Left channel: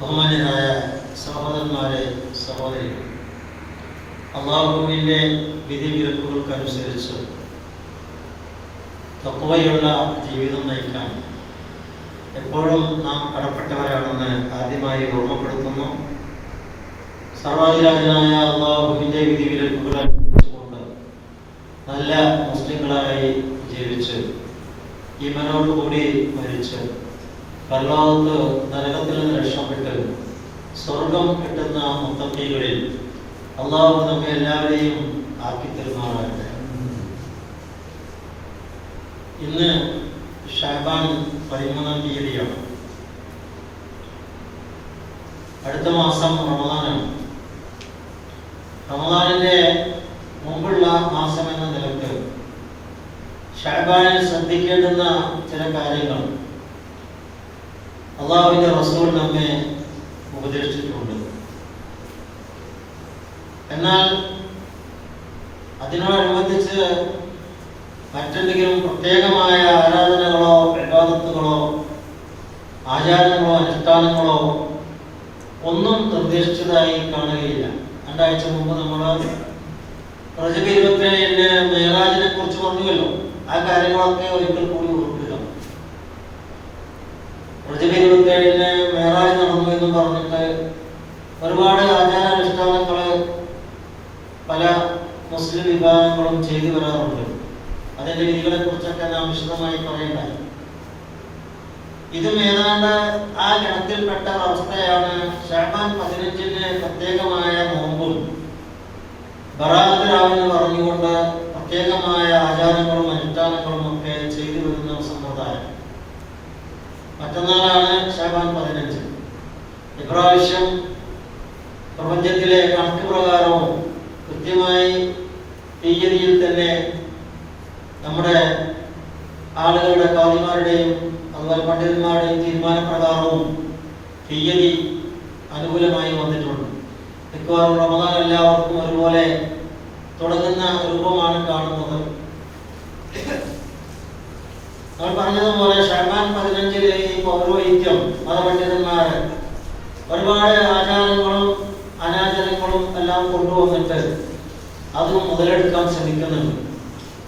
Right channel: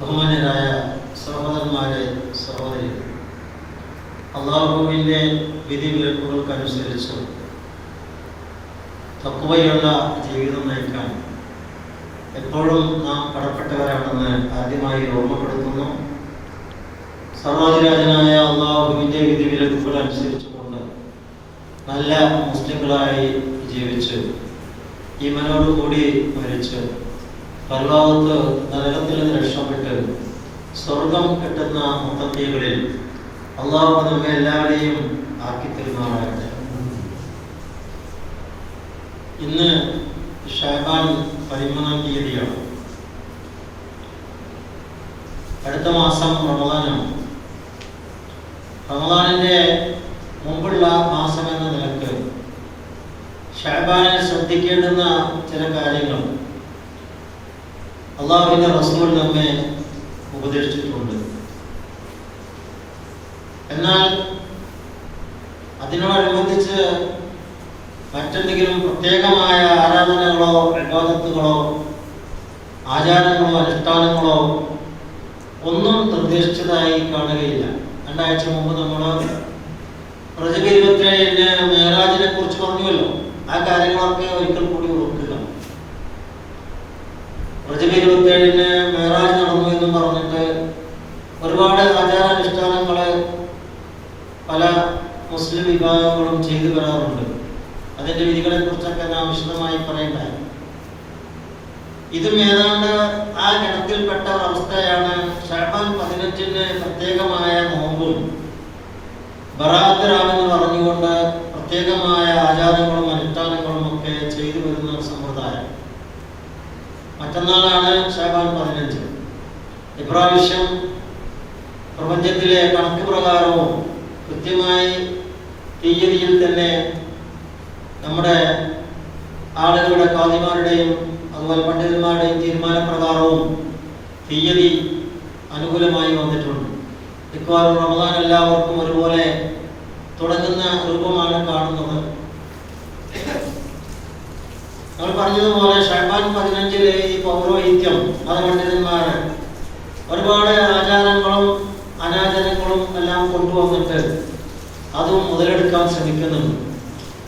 ബഹുമാന്യരായ സഹോദരന്മാരെ, സഹോദരികൾ, അള്ളാഹുവിൻ്റെ വിധിവിലക്കുകൾക്കനുസരിച്ച് തഖ്വയുള്ള ജീവിതം നയിക്കാൻ എപ്പോഴും നാം കടപ്പെട്ടവരാണെന്ന് ആദ്യമായി ഓർമ്മപ്പെടുത്തുന്നു. സർവ്വധിരാജനായ അള്ളാഹുവിൻ്റെ വിധിവിലക്കുകൾ അനുസരിച്ചുകൊണ്ട് നല്ല മുസ്ലിങ്ങളായി ജീവിച്ച് ഈമാനോടുകൂടി മരിച്ച് പരലോകത്ത് നരകത്തിൽ നിന്ന് രക്ഷപ്പെട്ട് സ്വർഗം കിട്ടുന്ന മുത്തഖീകളിൽ അള്ളാഹു നമ്മെ എല്ലാവരെയും ആക്കി തരുമാറാകട്ടെ. ഇന്ന് ഷഅബാൻ 13-ാം തീയതിയാണ്. അടുത്ത മാസം റമദാനാണ്. റമദാനിന്റെ മുമ്പുള്ള മാസം എന്ന നിലക്ക് ഷഅബാനിൽ ശ്രദ്ധിക്കേണ്ടുന്ന ചില കാര്യങ്ങൾ അള്ളാഹുവിന്റെ റസൂൽ നമ്മെ ഉപദേശിച്ചിട്ടുണ്ട്. എന്നാൽ അതിനോടനുബന്ധിച്ച് മറ്റെന്തെങ്കിലും പ്രത്യേകമായ ആരാധനകളോ ഇബാദത്തുകളോ ആചാരങ്ങളോ അനുഷ്ഠാനങ്ങളോ ഒന്നും നിർദ്ദേശിച്ചതായി കാണുകയില്ല. രണ്ടാഴ്ച മുമ്പ് നമ്മൾ റജബ് 27-ന് മേറാജിനെ കുറിച്ച് പറഞ്ഞുവല്ലോ. ആ കാര്യങ്ങളൊക്കെ ഒരിക്കൽ കൂടി ഓർക്കുക. റജബ് 27-ന് മേറാജ് നടന്നു എന്ന് പറഞ്ഞിട്ട് ഒരുപാട് ആചാരാനുഷ്ഠാനങ്ങള് പല മുസ്ലിം വിഭാഗങ്ങളും ചെയ്തു വരാറുണ്ട്. അതിന്റെ വിധികളെ കുറിച്ചൊക്കെ നാം വിശദമായി പറയേണ്ടായി. ഇതും ഏതാണ്ട് ആ ഗണത്തിൽപ്പെട്ട അവസ്ഥയാണ്. ഷഅബാൻ 15-ന് പ്രത്യേകമായ നോമ്പും ബറാഅത്ത് രാവെന്ന് പറഞ്ഞുകൊണ്ട് പ്രത്യേകമായ ആചാരങ്ങളും അനുഷ്ഠാനങ്ങളും ഒക്കെ ചെയ്തു വരുന്ന സമ്പ്രദായം. മറ്റന്നാളാണ് ഷഅബാൻ 15. ഇപ്രാവശ്യം പ്രപഞ്ചത്തിലെ കണക്ക് പ്രകാരവും കൃത്യമായി തീയതിയിൽ തന്നെ നമ്മുടെ ആളുകളുടെ ഖാദിമാരുടെയും അതുപോലെ പണ്ഡിതന്മാരുടെയും തീരുമാനപ്രകാരവും തീയതി അനുകൂലമായി വന്നിട്ടുണ്ട്. മിക്കവാറും റമദാൻ എല്ലാവർക്കും ഒരുപോലെ തുടങ്ങുന്ന രൂപമാണ് കാണുന്നത്. നമ്മൾ പറഞ്ഞതുപോലെ ഷഅബാൻ 15-ല് ഈ പൗരോഹിത്യം മതപണ്ഡിതന്മാര് ഒരുപാട് ആചാരങ്ങളും അനാചാരങ്ങളും എല്ലാം കൊണ്ടുവന്നിട്ട് അതും മുതലെടുക്കാൻ ശ്രമിക്കുന്നുണ്ട്.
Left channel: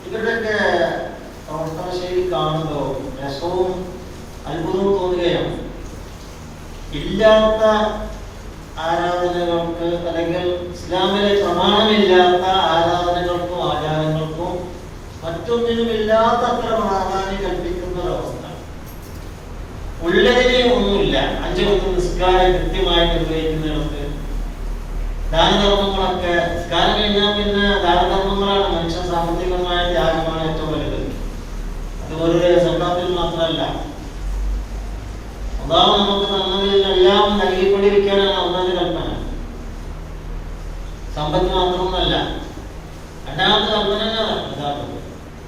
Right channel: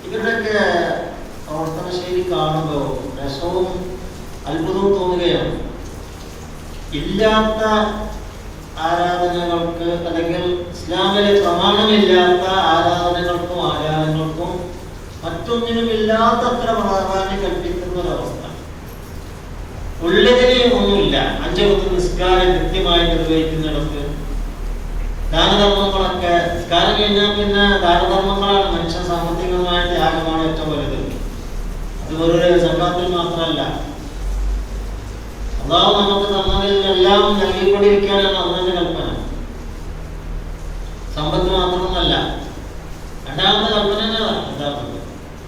ഇവരുടെയൊക്കെ പ്രവർത്തന ശൈലി കാണുമ്പോൾ രസവും അത്ഭുതവും തോന്നുകയാണ്. ഇല്ലാത്ത ആരാധനകൾക്ക് അല്ലെങ്കിൽ ഇസ്ലാമിലെ പ്രമാണമില്ലാത്ത ആരാധനകൾക്കും ആചാരങ്ങൾക്കും മറ്റൊന്നിനും ഇല്ലാത്തത്ര പ്രാധാന്യം കൽപ്പിക്കുന്ന ഒരവസ്ഥ. ഉള്ളതിനെ ഒന്നുമില്ല. 5 വക്ത് നിസ്കാരം കൃത്യമായി നിർവഹിക്കുന്നിടത്ത് ദാനധർമ്മങ്ങളൊക്കെ നിസ്കാരം കഴിഞ്ഞാൽ പിന്നെ ദാനധർമ്മങ്ങളാണ്. മനുഷ്യ സാമ്പത്തികമായ ത്യാഗമാണ് ഏറ്റവും വലുത്. അത് വെറുതെ സക്കാത്തിൽ മാത്രമല്ല, അള്ളാഹു നമുക്ക് തന്നതിൽ എല്ലാം നൽകിക്കൊണ്ടിരിക്കുകയാണ് അള്ളാഹുവിന്റെ കൽപ്പന. സമ്പത്ത് മാത്രമൊന്നല്ല. രണ്ടാമത്തെ കൽപ്പന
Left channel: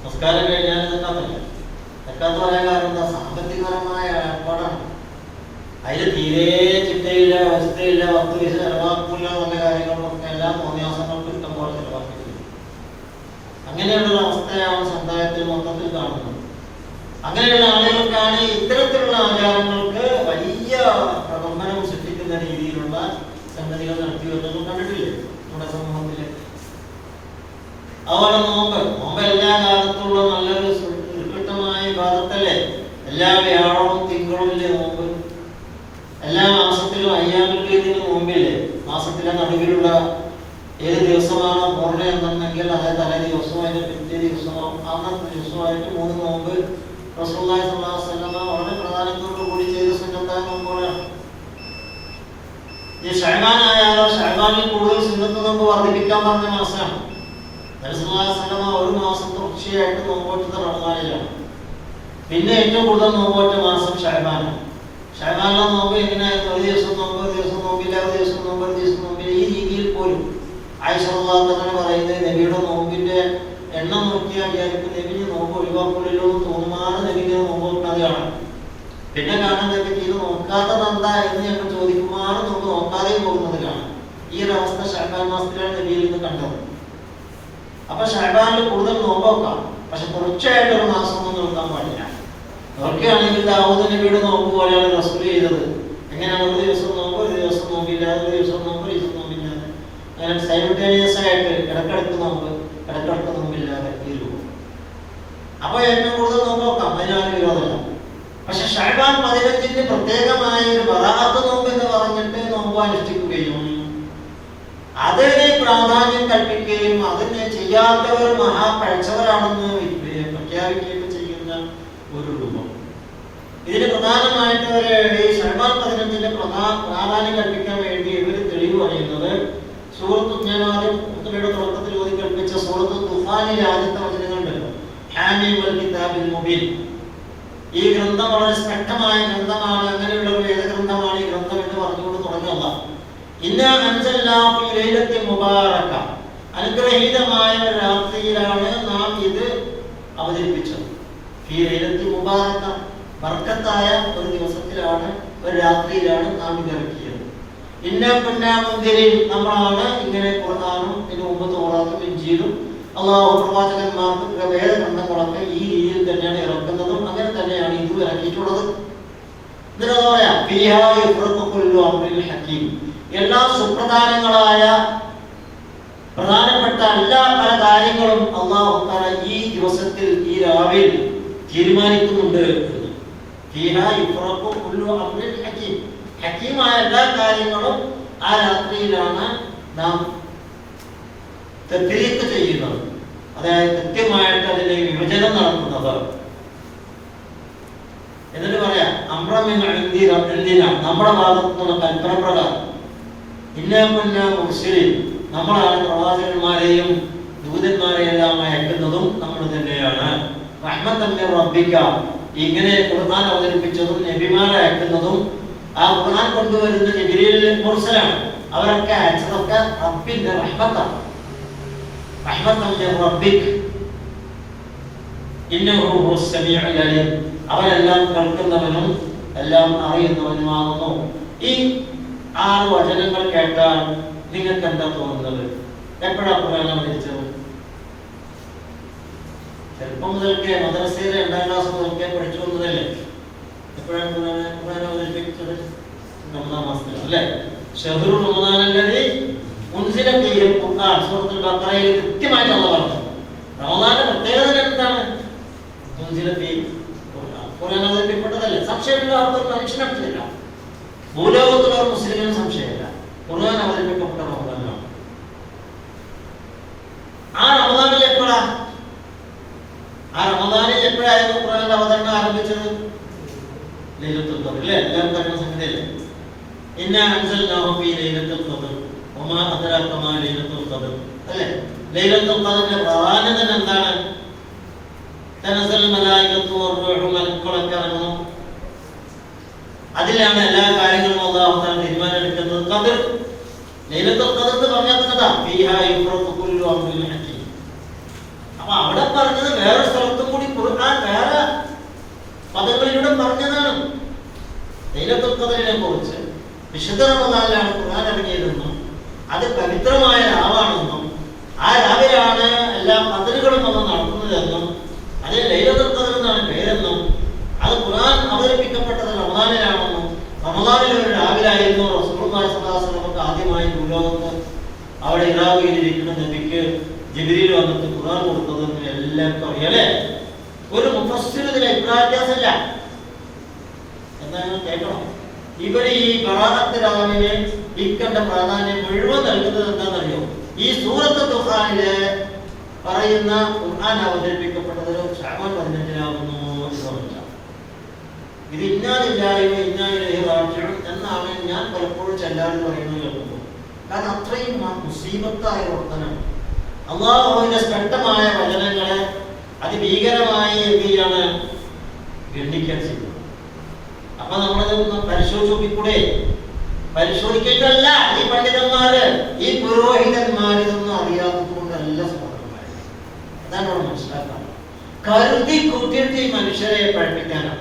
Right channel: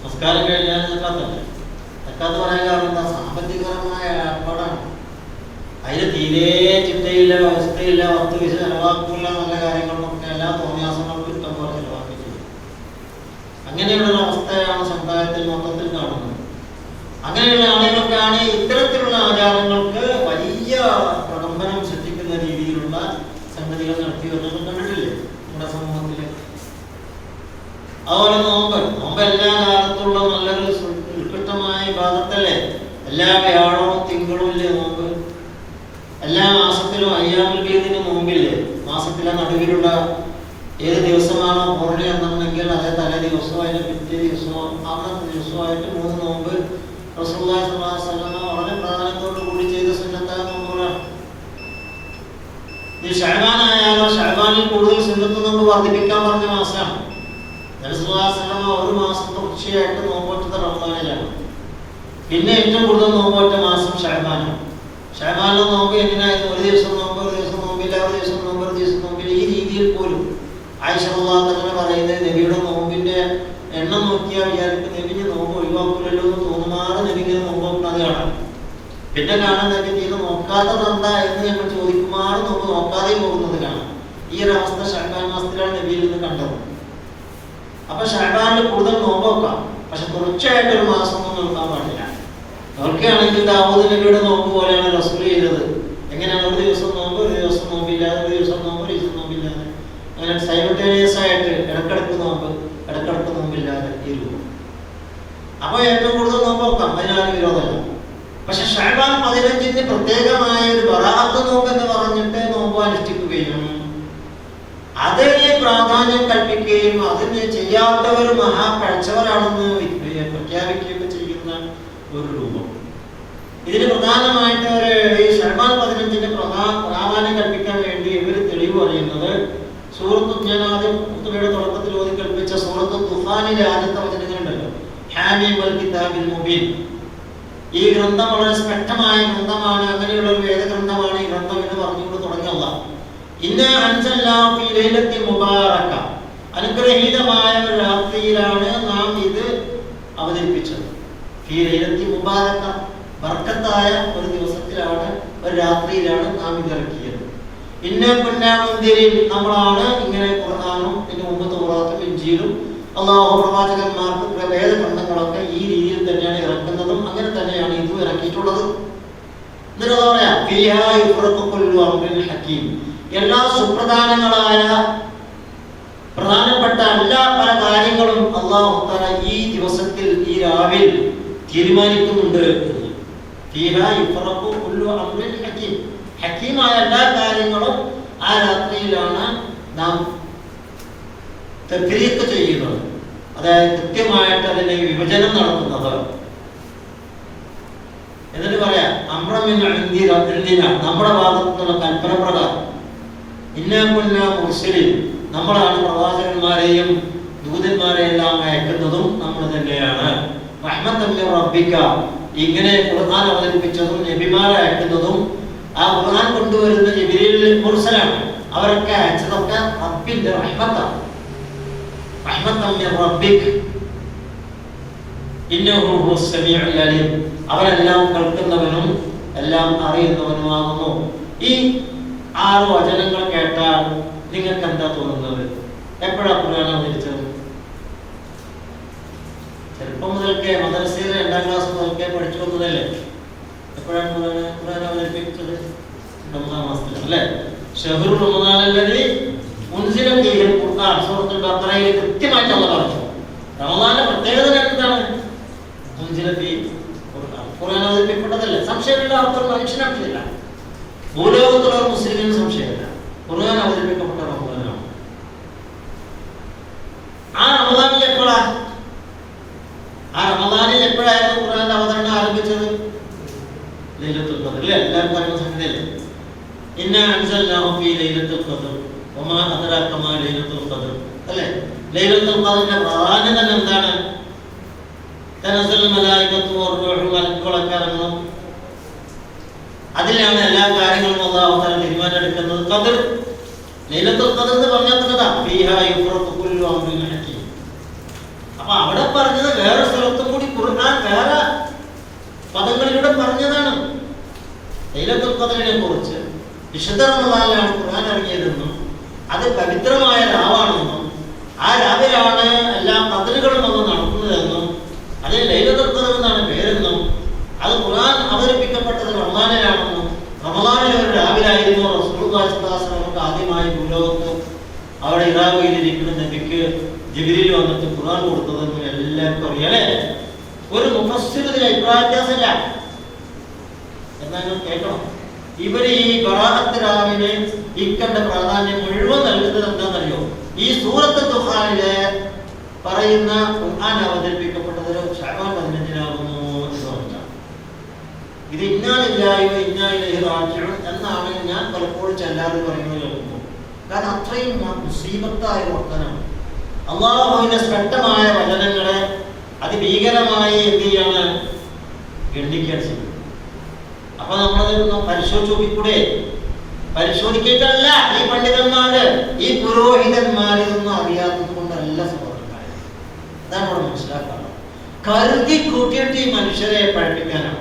നമസ്കാരം കഴിഞ്ഞാൽ സക്കാത്തല്ല. സക്കാത്ത് പറയാൻ കാരണം എന്താ? സാമ്പത്തികപരമായ ഏർപ്പാടാണ്. അതിന് തീരെ ചിട്ടയില്ല, അവസ്ഥയില്ല, 10 പൈസ ചെലവാക്കില്ല, നല്ല കാര്യങ്ങളൊക്കെ എല്ലാ തോന്നിയാസങ്ങളും ഇഷ്ടം പോലെ ചെലവാക്കിയിട്ടുണ്ട്. അങ്ങനെയുള്ള അവസ്ഥയാണ് സമുദായത്തിൽ മൊത്തത്തിൽ കാണുന്നത്. അങ്ങനെയുള്ള ആളുകൾക്കാണ് ഇത്തരത്തിലുള്ള ആചാരങ്ങൾക്ക് വലിയ പ്രകമ്പനം സൃഷ്ടിക്കുന്ന രീതിയിലുള്ള സംഗതികൾ നടത്തി വരുന്നത് കണ്ടിട്ടില്ലേ നമ്മുടെ സമൂഹത്തില്. അതുപോലെ നോമ്പ് എല്ലാ കാലത്തുള്ള നല്ലൊരു ഉത്കൃഷ്ടമായ വിഭാഗത്തല്ലേ. എല്ലാ വ്യാഴവും തിങ്കളും ഇല്ലേ നോമ്പ്. എല്ലാ മാസത്തിലും അയ്യാമുൽ ബീദിന് നോമ്പില്ലേ. മാസത്തിലെ നടുവിലുള്ള ഏത് ദിവസമാണോ പൂർണ്ണ എന്നുണ്ടെങ്കിൽ അതേ തലേ ദിവസമായിട്ട് പിറ്റേ ദിവസമോ അന്നത്തെ ദിവസമായിട്ട് 3 നോമ്പ് റസൂലുള്ളാഹി സ്വല്ലല്ലാഹു അലൈഹി വസല്ലം വളരെ പ്രാധാന്യത്തോടു കൂടി ചെയ്ത സുന്നത്തായ നോമ്പുകളാണ്. ഈ ഷഅബാൻ ആയാലോ ഷഅബാനിൽ കൂടുതൽ സുന്നത്ത് നോമ്പ് വർദ്ധിപ്പിക്കാൻ പറഞ്ഞ മാസമാണ്. റസൂലുള്ളാഹി സ്വല്ലല്ലാഹു അലൈഹി വസല്ലം ഒരു മാസം തുടർച്ചയായിട്ട് നോമ്പെടുത്തത് റമദാനിലാണ്. പിന്നെ ഏറ്റവും കൂടുതൽ നോമ്പെടുത്ത മാസം ഷഅബാനാണ്. ഷഅബാനിലെ നോമ്പ് എങ്ങനെയായിരുന്നു? ഒരു ദിവസം നോമ്പ്, ഒരു ദിവസം നോമ്പില്ല, ഒരു ദിവസം നോമ്പ്, ഒരു ദിവസം നോമ്പില്ല. ഈ രീതിയിൽ പോലും ആയിഷ റളിയല്ലാഹു അൻഹ പറയുന്നത് നബിയുടെ നോമ്പിന്റെ എണ്ണം നോക്കിയാൽ വിചാരിക്കും നബിന് നോമ്പ് ഒഴിവാക്കൂലല്ലോ എന്ന് തോന്നുമാറ് നബിക്ക് നോമ്പ് നോക്കാതെ കാണാം. പിന്നെ കാണാൻ നബി ഇത് നോക്കാത്തത് എന്താ എന്ന് ഞങ്ങൾ ചോദിക്കുമാറ് നോമ്പ് നോക്കാതെ പോകുന്നത് കാണാം. ഈ ഒരു അവസ്ഥ ഷഅബാൻ മാസത്തിലാണ് നബിയിൽ നിന്ന് കണ്ടത്. അപ്പൊ ഷഅബാനിൽ കൂടുതൽ നോമ്പ് നോക്കാം, പക്ഷെ തുടർച്ചയായിട്ട് ഒരു മാസം ഒന്നും നോക്കാൻ പാടില്ല. നോക്കുകയാണെങ്കിൽ ദാവൂദ് നബിയുടെ നോമ്പ് പോലെയാണ് റസൂൽ ചെയ്തത്. എങ്ങനെയാണ്? ഒരു ദിവസം നോമ്പ്, ആയിട്ട് ഇടക്കിടക്ക് നോമ്പില്ലാതെ ഈ രൂപം. അപ്പൊ ഏറ്റവും കൂടുതൽ നോമ്പ് നോക്കാം, അതിനാണ് വിരോധമല്ല. പക്ഷെ ശഅബാൻ 15 പ്രത്യേകമായ ഒരു ബറാഅത്ത് നോമ്പ് എന്ന് പറഞ്ഞിട്ട് നോമ്പ് അനുഷ്ഠിക്കുകയും അതിനെ പ്രാധാന്യം കൽപ്പിക്കുകയും അതിനെ ചെയ്യാത്തവർ മഹാപഴച്ചവരാണെന്ന് പ്രഖ്യാപിക്കുകയൊക്കെ ചെയ്യുന്ന ഒരു രൂപം. ഇതിന് പ്രധാനമായിട്ട് ഈ ശഅബാൻ 15 പ്രാധാന്യം കൽപ്പിക്കാൻ വേണ്ടി ഇവർ തെളിവ് പറയുന്നത് ഞാൻ ആദ്യം തുടക്കത്തിൽ ഓതി കൽപ്പിച്ച സൂറത്ത് ദുഹാനിലെ ആദ്യത്തെ വചനങ്ങളുണ്ടല്ലോ, ഹാമീം വൽ കിതാബിൽ മുബീൻ. ഈ ഗ്രന്ഥം വളരെ സ്പഷ്ടമായ ഗ്രന്ഥമാണ്, അങ്ങനെയുള്ള ഒരു വേദഗ്രന്ഥമാണ് ഈ ഗ്രന്ഥം എന്ന് പറഞ്ഞുകൊണ്ട് തുടങ്ങിയല്ല. ഇന്ന അൻസൽനാഹു ഫീ ലൈലത്തിൻ മുബാറക, അനുഗ്രഹീതമായ ഒരു രാത്രിയിലാണ് നാം ഇത് അവതരിപ്പിച്ചത്. ഫീ ലൈലത്തിൻ മുബാറക, ബർക്കത്തായ ഒരു ദിവസത്തിലാണ്, ഒരു രാത്രിയിലാണ് നാം ഇത് ഇറക്കിയത്. ഇന്ന കുന്നാ മുൻദിരീൻ, നമ്മളാണ് ഇങ്ങനെ ഖുർആനും ഇതിനു മുമ്പ് തൗറാത്തും ഇൻജീലും അല്ലാഹു പ്രവാചകന്മാർക്ക് വേദഗ്രന്ഥങ്ങളൊക്കെ ഈ രീതിയിൽ തന്നെയാണ് ഇറക്കുന്നതും അങ്ങനെ തന്നെയാണ് ഇതും ഇറക്കിയിട്ടുള്ളത്. എന്നിട്ട് എന്താ പറയാ, ഫിഹാ യുഫ്റഖു കുല്ലു അംറിൻ ഹകീം, എല്ലാ സുപ്രധാനങ്ങളായ പ്രധാനപ്പെട്ട എല്ലാ പല കാര്യങ്ങളും അല്ലാഹു തആല ഈ ദിവസത്തിൽ, ഈ രാവിൽ തീരുമാനിക്കുന്നുണ്ട്. ഫിഹാ യുഫ്റഖു കുല്ലു അംറിൻ ഹകീം, ഹകീമായ എല്ലാ കാര്യങ്ങളും ആ രാത്രിയിലാണ് നാം തഫ്രീഖ് ചെയ്യുന്നത്, അതായത് കൃത്യമായിട്ട് അതിന്റെ വിഭജനം നടത്തുന്നത്. എന്നിട്ട് പറയാം, നമ്മുടെ ഭാഗത്തുനിന്നുള്ള കൽപ്പന പ്രകാരം നമ്മളാണ് പ്രവാചകന്മാരെയും ദൂതന്മാരെയെല്ലാം അയക്കുന്നതും നമ്മൾ തന്നെയാണ്. റഹ്മത്തൻ മിർ റബ്ബിക, ഇങ്ങനെ ഖുർആൻ അവതരിപ്പിച്ചതും നബിമാരെ അയക്കുന്നതും ആ ഖുർആൻ കൊണ്ടുവരുന്ന ജിബ്രീൽ മുർസലാണ്, അവരൊക്കെ അയച്ചതൊക്കെ റബ്ബിന്റെ റഹ്മത്താണ്. റഹ്മത്തൻ മിർ റബ്ബിക് ഇന്നഹു ഹുവസ് സമീഉൽ അലീം, അവരെല്ലാം കേൾക്കുന്നവനും എല്ലാം അറിയുന്നവനുമാകുന്നു. ഈ 6 വചനങ്ങൾ കേട്ടാൽ നിങ്ങൾക്ക് എന്താ തോന്നുന്നത്? എപ്പോഴാ ഖുർആൻ അവതരിച്ചത്? ചെറുപ്പം മുതൽക്കേ മദ്രസയിലെ 2ാം ക്ലാസ് മുതൽക്കേ പഠിച്ചു വന്നതല്ലേ? എപ്പോഴാണ് ഖുർആൻ അവതരിപ്പിച്ചത്? റമദാൻ മാസത്തിലാണ് അല്ലേ? ശഹ്റു റമദാൻ അല്ലദീ ഉൻസില ഫീഹിൽ ഖുർആൻ, സൂറത്തുൽ ബഖറയിൽ കൃത്യമായിട്ട് അല്ലാഹു പറഞ്ഞു. റമദാന്റെ പ്രത്യേകത എന്താണ്? ഉൻസില ഫീഹിൽ ഖുർആൻ, ഖുർആൻ അവതരിപ്പിക്കപ്പെട്ടതല്ലേ? സംശയമില്ല, അർത്ഥം മനുഷ്യനല്ല, ഭൂലോകത്തുള്ള ഒരു മുസ്ലിമിന് സംശയമില്ല, ഖുർആൻ അവതരിപ്പിക്കപ്പെട്ട റമദാനാണ്. ആ റമദാനിൽ എപ്പോഴായിരുന്നു ഖുർആന്റെ അവതരണം ആരംഭിച്ചത്? ലൈലത്തുൽ ഖദ്ർ അല്ലേ? എല്ലാവരും പറയുന്ന സംഗതിയല്ലേ? ഇന്നാ അൻസൽനാഹു ഫീ ലൈലത്തുൽ ഖദ്ർ വമാ അദ്റാക മാ ലൈലത്തുൽ ഖദ്ർ അല്ലേ? ലൈലത്തുൽ ഖദ്റിന്റെ പ്രാധാന്യം തന്നെ എന്താണ്? തനസ്സൽ മലായികത്തു വറൂഹു, മലക്കുകളൊക്കെ ഇറങ്ങും, അതിലാണ് എല്ലാ കാര്യങ്ങളും അല്ലാഹു തആല തീരുമാനമെടുക്കുന്നത്. ഖദ്ർ, ലൈലത്തുൽ ഖദ്ർ എന്ന് പറഞ്ഞാൽ തന്നെ ഫീഹാ യുഫ്റഖു കുല്ലു അംറിൻ ഹകീം. അപ്പൊ അവിടെ പറഞ്ഞത് വേറെ സ്ഥലത്തും കൂടി ഖുർആൻ വേറെ പദങ്ങളിലൂടെ പറഞ്ഞതാണ്. ലൈലത്തുൽ ഖദ്റിനെ കുറിച്ച് വിശുദ്ധ റമദാനിലാണ് ഖുർആൻ ഇറങ്ങിയതെന്നും അത് പവിത്രമായ രാവാണെന്നും ആ രാവിലാണ് എല്ലാ ഖദ്റുകളും നമ്മൾ നടത്തുന്നതെന്നും അതിൽ ലൈലത്തുൽ ഖദ്ർ എന്നാണ് പേരെന്നും അത് ഖുർആൻ അവതരിപ്പിക്കപ്പെട്ടത് റമദാനിലാണെന്നും റമദാനിലെ ഒരു രാവിലായിരുന്നു റസൂലുള്ളാഹി സ്വല്ലല്ലാഹു അലൈഹി വസല്ലം ആദ്യമായി ഭൂലോകത്ത് അവിടെ ഇറാഖിലിരിക്കുന്ന നബിക്ക് ജിബ്രീൽ വന്നിട്ട് ഖുർആൻ കൊടുത്തതെന്നും എല്ലാവർക്കും അറിയാലേ? ഒരു മുഫസ്സിർ ഇതിൽ അഭിപ്രായവ്യത്യാസമില്ല. എന്നാൽ കേട്ടോ, ഇവര് ഈ ബറാഅത്ത് രാവിനെ ഇക്കണ്ട പ്രാധാന്യം മുഴുവൻ നൽകുന്നത് എന്താണെന്നറിയോ? ഈ സൂറത്തുൽ ദുഹാനിലെ പറയുന്ന ഖുർആൻ അവതരിപ്പിക്കപ്പെട്ടത് ശഅബാൻ 15-നാകുന്നു എന്ന് പറഞ്ഞാൽ ഇത് ഇന്നാ ലില്ലാഹി വ ഇന്നാ ഇലൈഹി റാജിഊൻ എന്നാണ് ഞാൻ പലപ്പോഴും എല്ലാവരും പറയുന്നത് കേൾക്കുമ്പോൾ. കാരണം അത്രയും മുസീബത്തായ വർത്തനം അള്ളാഹുവിന്റെ സ്പഷ്ടമായ വചനങ്ങളെ അതിഭീകരമായി എന്ത് ചെയ്യാണ്? ഗണ്ണിക്കാൻ ചെയ്യുന്നത്. അപ്പൊ നമ്മളതൊന്ന് പരിശോധിച്ച് നോക്കിക്കൂടെ? പരിശോധിക്കേണ്ടല്ല ഈ പണ്ഡിതന്മാര്, ഈ പുരോഹിതന്മാർ ഇതൊന്നും അറിയാത്തത് കൊണ്ടല്ല സഹോദരന്മാരെ. അതാണ് ഇവിടെ മനസ്സിലാക്കുന്നത്. കരുതി കൂട്ടിയിട്ട് ഈ മനുഷ്യരെ പഠിപ്പിക്കാനാണ്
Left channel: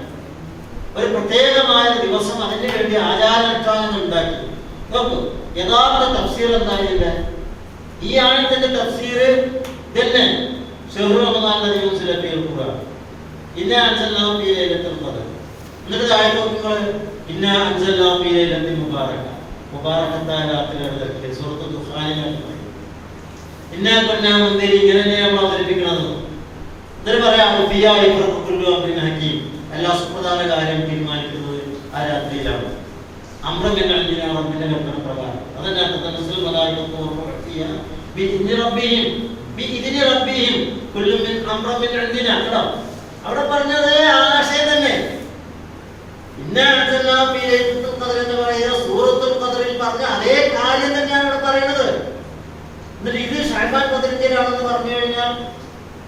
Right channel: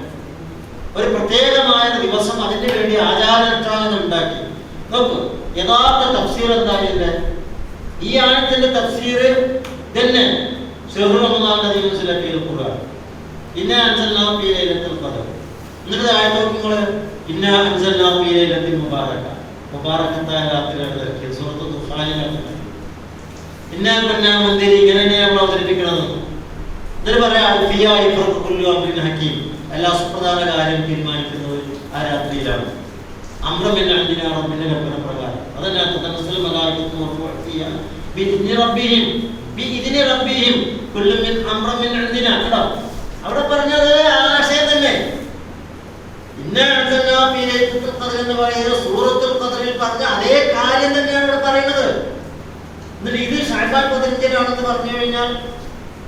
ഒരു പ്രത്യേകമായ ദിവസം അതിനു വേണ്ടി ആചാരാനുഷ്ഠാനങ്ങൾ ഉണ്ടാക്കി. നോക്കൂ, യഥാർത്ഥ തഫ്സീർ എന്തായില്ലേ? ഈ ആയത്തിന്റെ തഫ്സീർ തന്നെ ശഹ്റു റമദാനിൽ ഉൻസില ഫീഹിൽ ഖുർആൻ, ഇന്നാ അൻസൽനാഹു ഫീ ലൈലത്തുൽ ഖദ്ർ. എന്നിട്ട് താഴെ നോക്കിങ്ങൾ, ഇന്നാ അൻസൽനാഹു ഫീ ലൈലത്തിൻ മുബാറക, മുബാറകത്തായ രാത്രിയിലാണ് ഇറക്കിയത്. സൂറത്തുൽ ദുഹാനിലാണ്. ഇന്നാ കൊന്നാ മുന്തിരി ഇങ്ങനെ തന്നെയാണ് അവതരിപ്പിക്കുന്നത്. എന്നിട്ട് പറയാം ഹക്കീം, എല്ലാ സുപ്രധാന കാര്യം തീരുമാനിക്കുന്നത് ആ രാത്രിയിലാണ്. അമ്രബിന്റെ റബ്ബിന്റെ കൽപ്പന പ്രകാരം. അതല്ലാത്ത അവിടെ പറഞ്ഞത് ആ ആശയം തന്നെ. എന്ന് പറയുന്ന സൂറത്തുൽ ഖദ്റിൽ പറഞ്ഞ അതേ കാര്യം തന്നെയാണ് ഇവിടെ പറയുന്നത്. എന്നിട്ട് ഇത് ശഅബാൻ 15 പറഞ്ഞു കഴിഞ്ഞാൽ